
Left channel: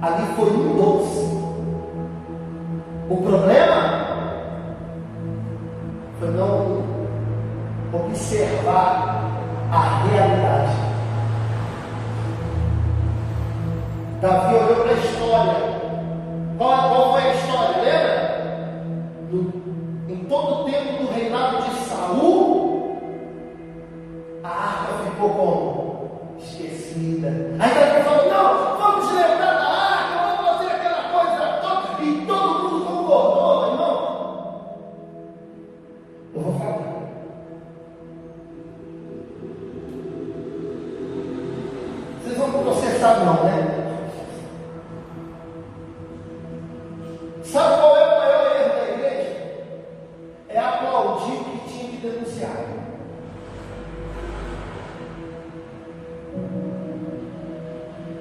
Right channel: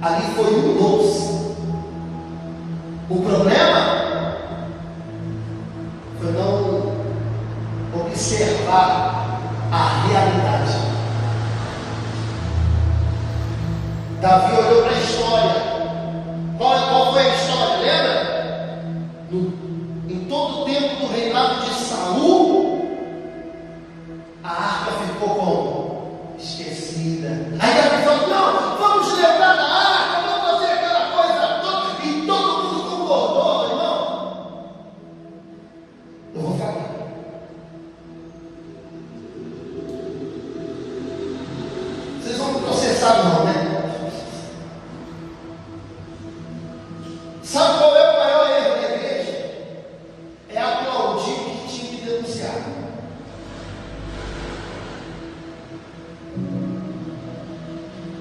Ali foi um doce. O problema foi não observar a realidade. Davi olhou para a história. Qual foi a história? Lembra? Em todo o tempo do reinado de Saul, a arca ficou como? Esquecida. Aí Davi falou: não, vamos lembrar da arca, vamos fazer aquela coisa toda. E todo mundo concordou, irmão. Eu vou falar. Vocês vão me processar não, né? Sabe qual é o maior erro da igreja? É aplaudir o que tinha que denunciar.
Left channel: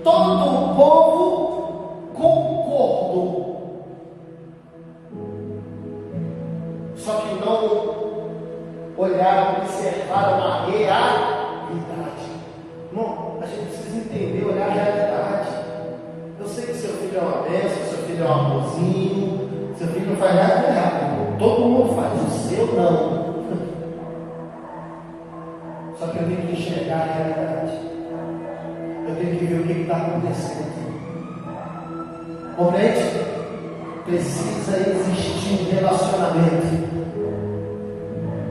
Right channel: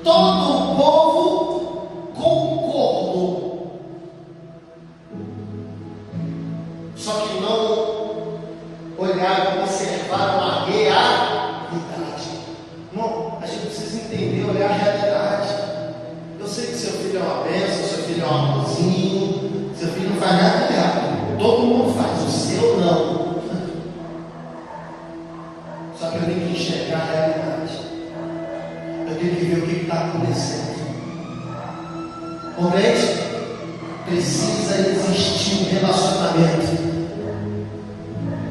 Todo o povo concordou. Só que não olharam, observaram a realidade. Irmão, a gente precisa entender, olhar a realidade. Eu sei que seu filho é uma bênção, seu filho é um amorzinho, seu filho não faz nada de errado. Todo mundo faz, o seu não. Só que eu tenho que enxergar a realidade. Eu tenho que ver o que está acontecendo. Compreende? Precisa existir um relacionamento.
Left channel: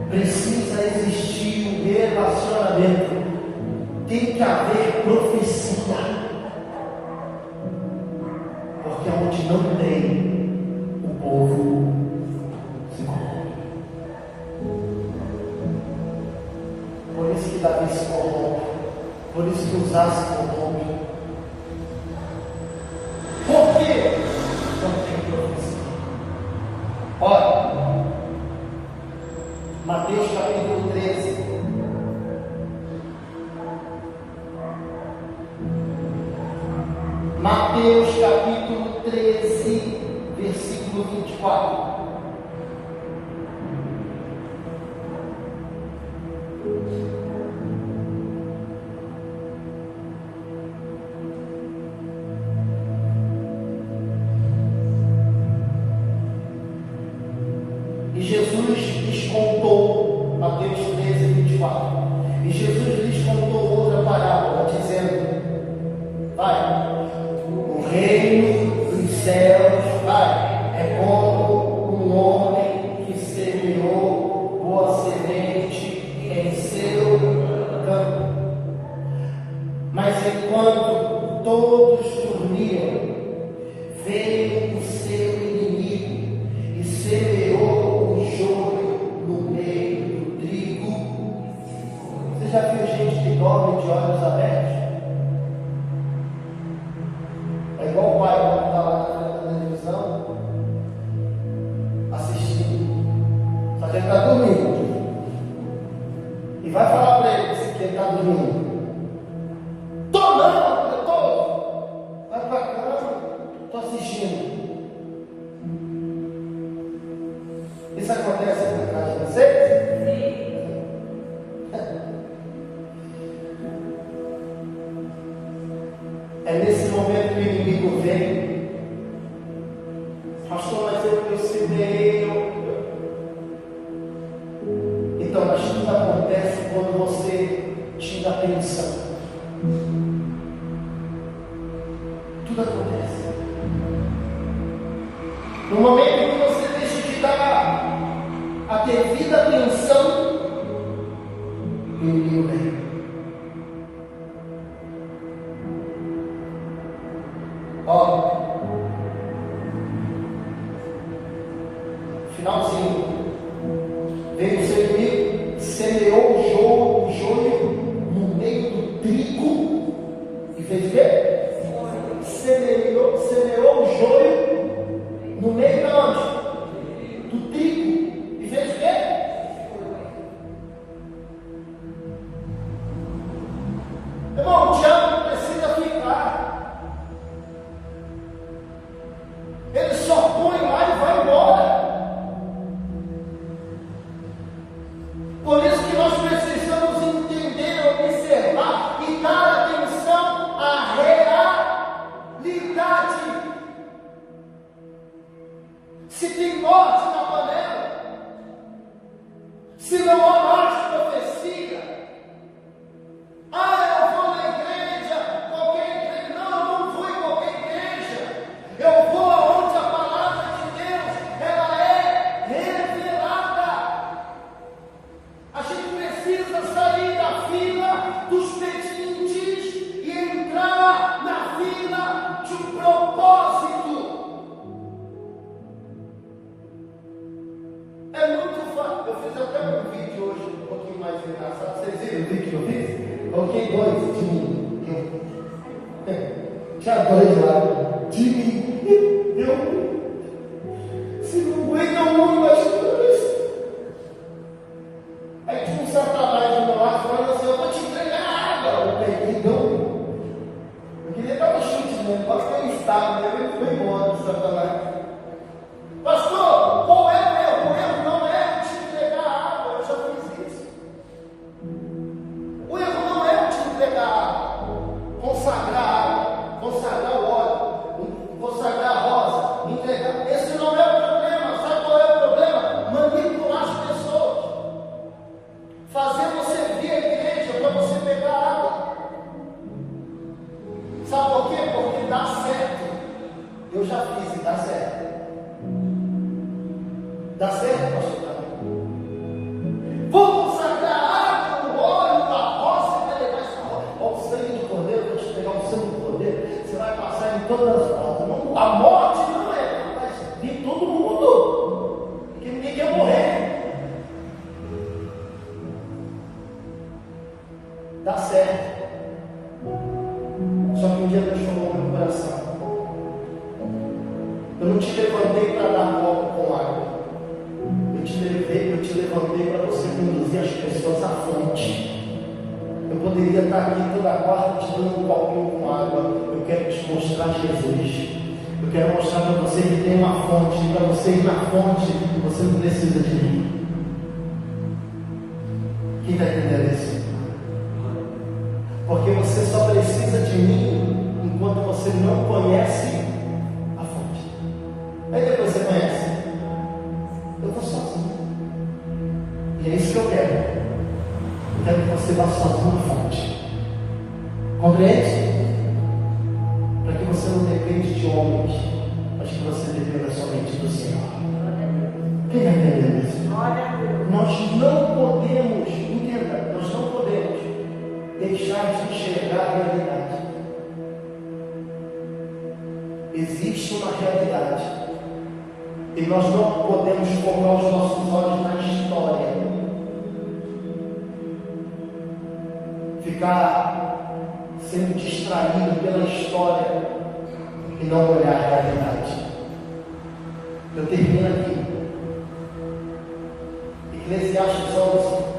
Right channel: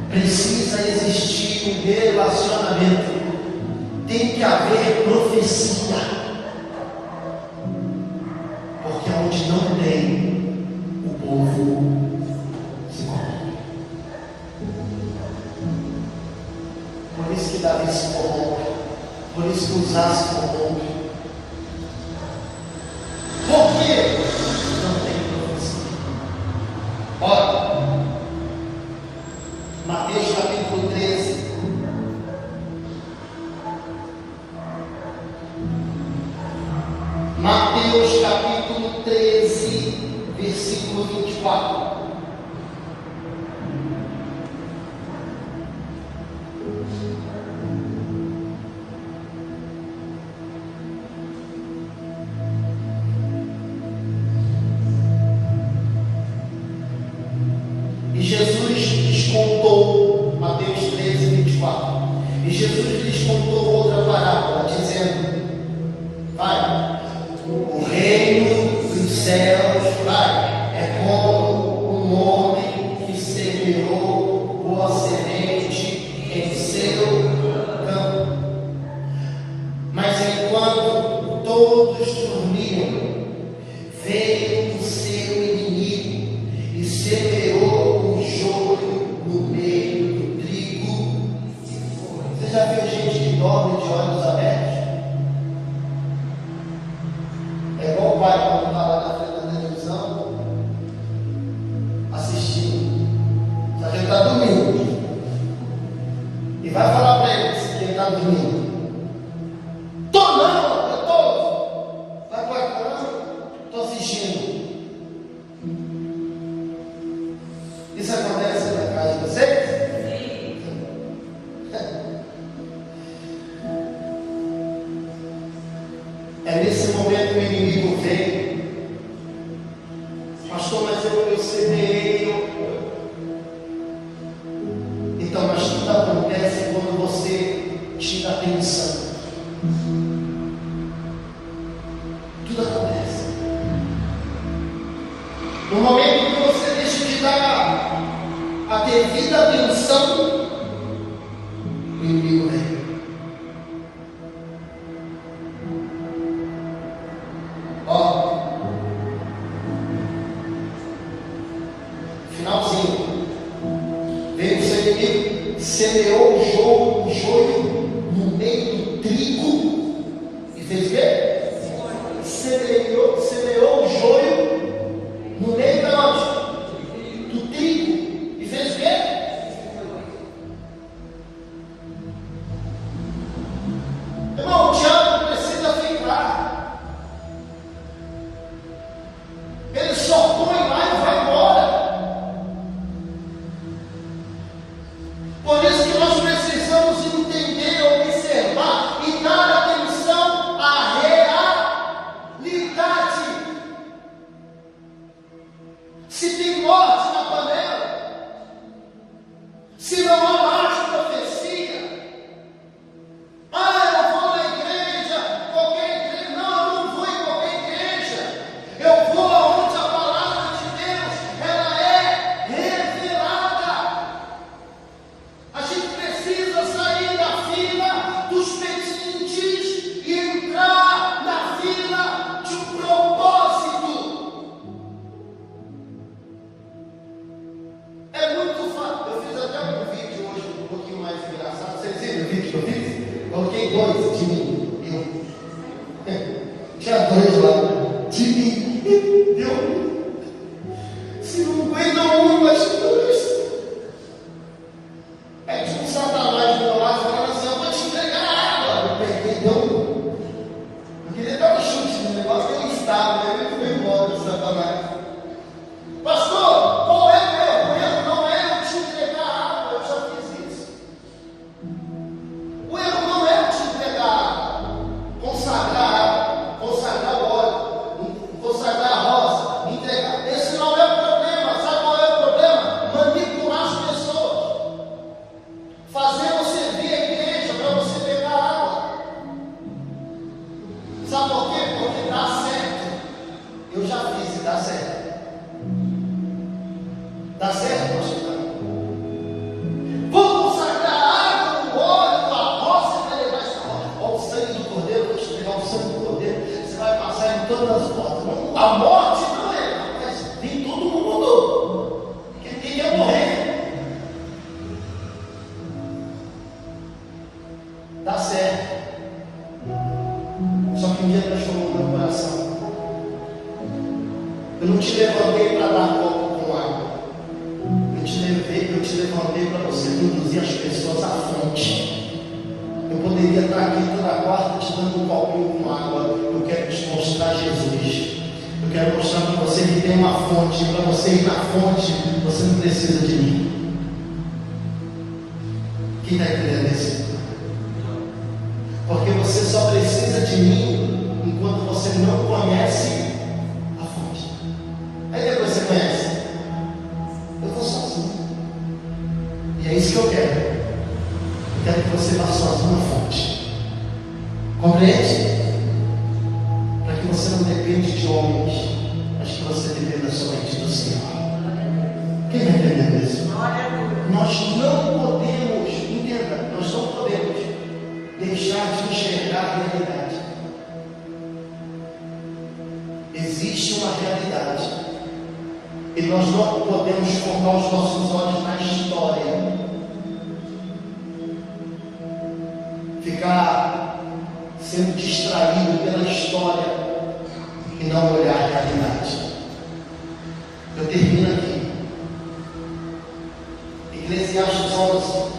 Precisa existir um relacionamento. Tem que haver profecia. Porque onde não tem, o povo se corrompe. Por isso que Davi se corrompe. Por isso que Uzá se corrompe. Por quê? Não tem profecia. Olha, Mateus capítulo 13. Mateus capítulo 13, versículo 24. Jesus lhes contou, Mateus 13:24. E Jesus lhes contou outra parábola, dizendo: vai, o reino dos céus, vai, é como um homem que semeou boa semente em seu campo. Mas enquanto todos dormiam, veio o seu inimigo e semeou o joio no meio do trigo. Você já viu gente que dorme de olhos abertos? É igual o pai quando está lá na frente da televisão assistindo, só que ele está dormindo e vai falar para ele que ele está dormindo. Tô não, eu tô. Vai para cama, tô assistindo. Isso acontece na casa de vocês? Sim. É nesse momento que o inimigo vem. Pastor, mas eu semeei. Então, mas tudo acontece quando você tira a atenção. Tudo acontece. No momento que você deixa de dar a devida atenção, o inimigo vem. Ó, finalzinho, veio o seu inimigo, semeou o joio no meio do trigo e fez o quê? Semeou o joio no meio da onde? Do trigo. E fez o quê? Irmão, o diabo precisa ficar. Ele só põe lá e vai embora. Por isso que nós precisamos entender, observar e dar atenção à realidade. Se tem morte na panela, se não há mais profecia, eu vou na igreja, qualquer igreja, não, eu não vou em qualquer igreja, eu vou aonde a palavra de Deus, ela é revelada. A gente precisa sair da fila dos pedintes e entrar na fila de um propósito. É muito fácil. Eu fiz até um vídeo hoje um pouquinho mais engraçado. Vocês viram o vídeo que eu fiz? Coloquei dois de mim. Eu. Tinha dois lá. De mim. Eu. Se não aguenta um, mas dois. Aí tinha um satanás do meu lado falando assim: eu vou te entregar água. Eu peguei, não. Eu queria dar um chute no negócio que eu estava. Aí ele foi embora, o satanás. Pastor, qual é o erro? O erro não é eu te entregar água, eu já fiz isso. O erro não é eu te entregar água, consagrar o óleo, consagrar a rosa, entregar. Esse não é o problema. Sabe qual é o problema? Manipular as pessoas, fazer você vir à igreja para você pegar água. Sabe por quê? Porque dá certo. Eu já fiz e dá certo. Dá certo, pastor? Vou consagrar a água, o óleo, a rosa, você vai levar essa rosa. Olha o sangue do cordeiro, vou te pegar o sangue do cordeiro. Você vai passar em todas as portas. A morte não é, mas vem todo mundo. Porque ninguém quer morrer. Dá certo. Só que um dia transformou meu coração. Eu não te levantei para dar copo com água. Eu te levantei para você conduzir as pessoas à fonte. Eu poderia estar aqui toda quarta te dando um copinho com água. Eu quero te mostrar Jesus. Eu quero mostrar para você que tem uma fonte. Para você ir na fonte, você não precisa de mim. Quem está entendendo isso? Porque você só precisa de mim enquanto você não conhece a fonte. Aí depois você conhece. Eu vou sozinho. você vá sozinho na fonte. Compreende? Para que você não depende de homens, mas que você dependa somente do Senhor. Quem vai entender isso? Nós não podemos, entenda, nós não podemos deixar de enxergar a realidade. Existe uma realidade e nós não podemos focar os nossos olhos na história, ficar sendo distraído pela história e não olhar a realidade. Eu termino aqui. Eclesiastes 11.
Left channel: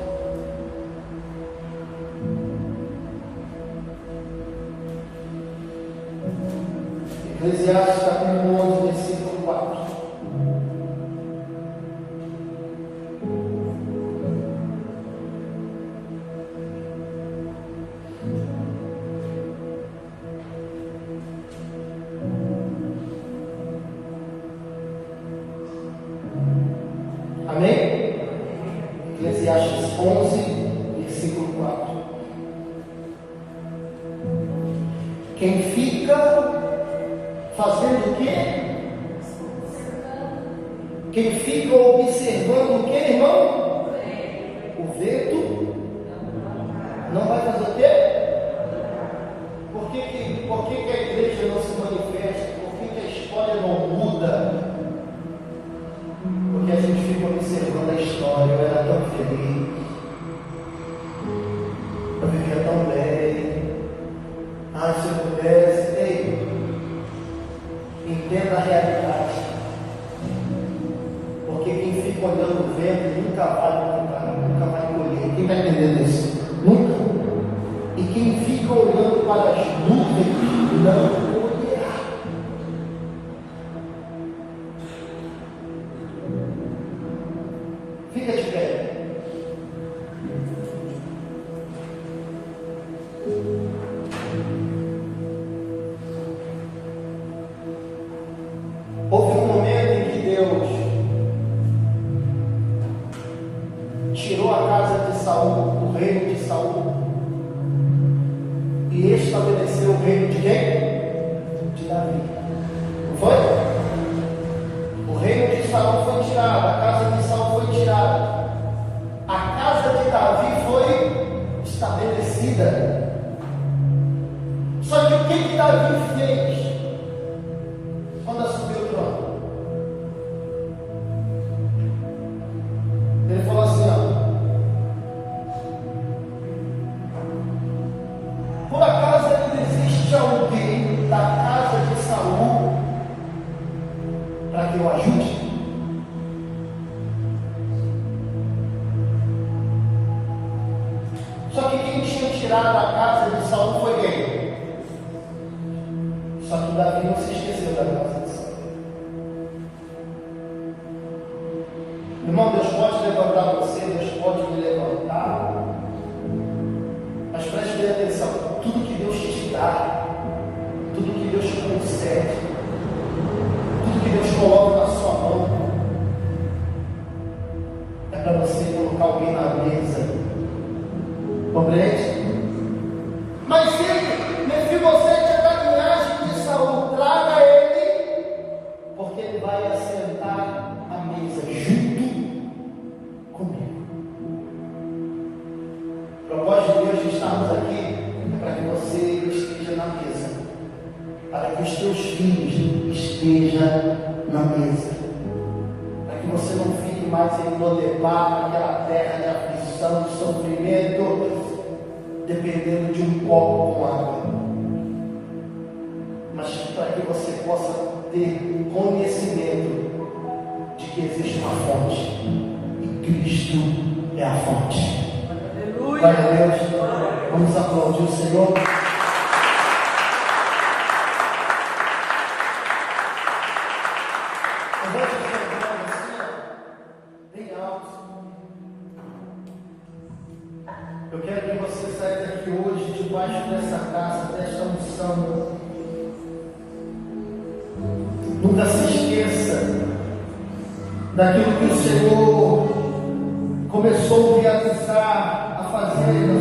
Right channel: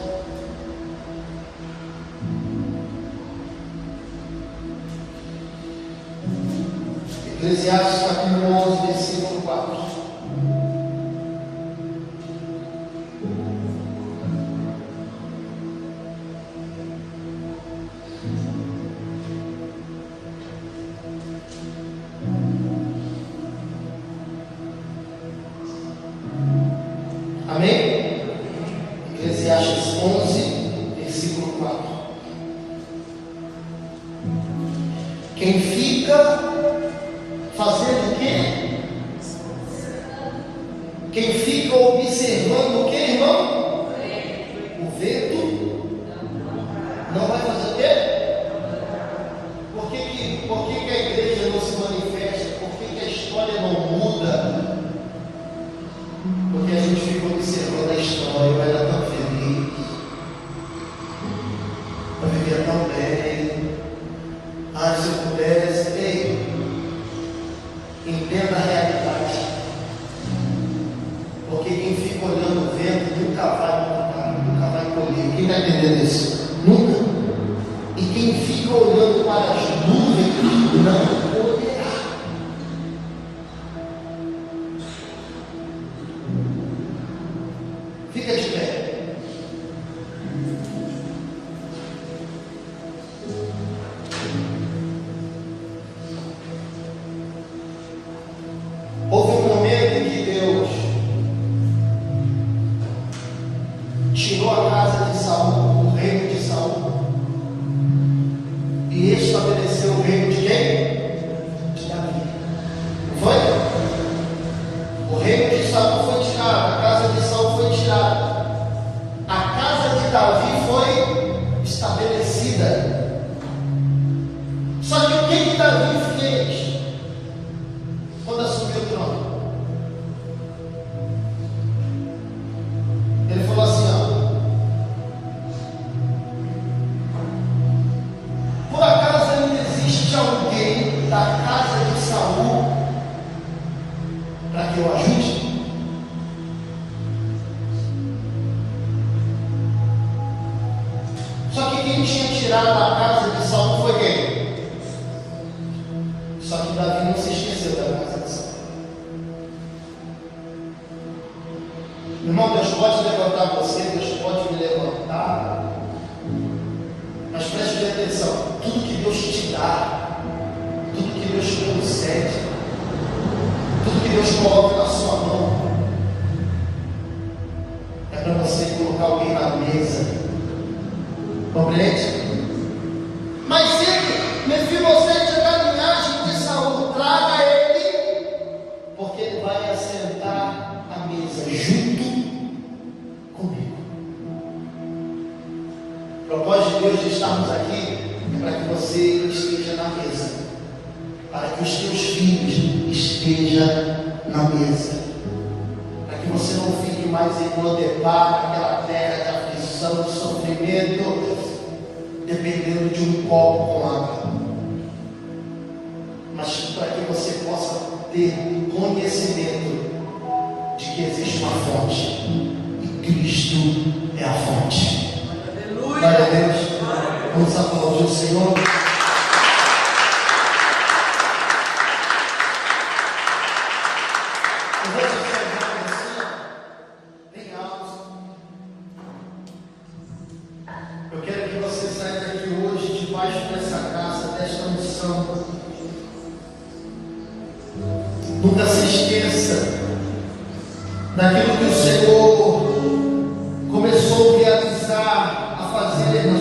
Eclesiastes capítulo 11, versículo 4. Amém? Eclesiastes 11, versículo 4. Quem fica fazendo o quê? Quem fica observando o quê, irmão? O vento não vai fazer o quê? Por que a igreja não se manifesta? Por que a história não muda? Porque a gente fica observando a história. Eu era tão feliz, eu vivia tão bem. Se eu pudesse. Ei, entenda a realidade. Porque quem fica olhando o vento nunca vai plantar, nunca vai colher. Quem está entendendo isso? Nunca. E quem fica olhando para as nuvens não colherá. Fica de pé. Houve um momento em que Deus tirou a casa de Saul, o reino de Saul, e estabeleceu o reino de quem? De Davi. Não foi? O reino de Saul foi tirado, a casa de Saul foi tirada, a casa de Davi foi estabelecida. Só que o que Davi fez quando assumiu o trono? Ele falou assim: por acaso ainda existe alguém da casa de Saul para que eu ajude? Só que quem tinha tirado a casa de Saul foi quem? Só que Davi não se esqueceu da casa de Saul. Irmão, Deus pode levantar você, Deus pode me levantar, mas preste bem atenção: tudo que Deus te dá, tudo que Deus te concede, tudo que Deus coloca na sua mão, é para você colocar alguém na mesa. Compreende? Mas se Mefibosete é da linhagem de Saul, traga ele, porque ele vai assentar à mesa junto comigo. O propósito de Deus de estarmos aqui é para que você esteja na mesa, para que os teus filhos estejam na mesa, para que você não fique mais em Lodebar, naquela terra de aflição, de sofrimento, dependendo de um copo com água, mas para que você possa ter conhecimento de que existe uma fonte e Cristo é a fonte. Glória a Deus. Vamos aplaudir o Senhor. Eu vou te dizer assim, bem alto. Eu quero que você saia daqui hoje debaixo dessa graça, desta unção. Nunca se esqueça daquilo que o Senhor começou a realizar, a fazer na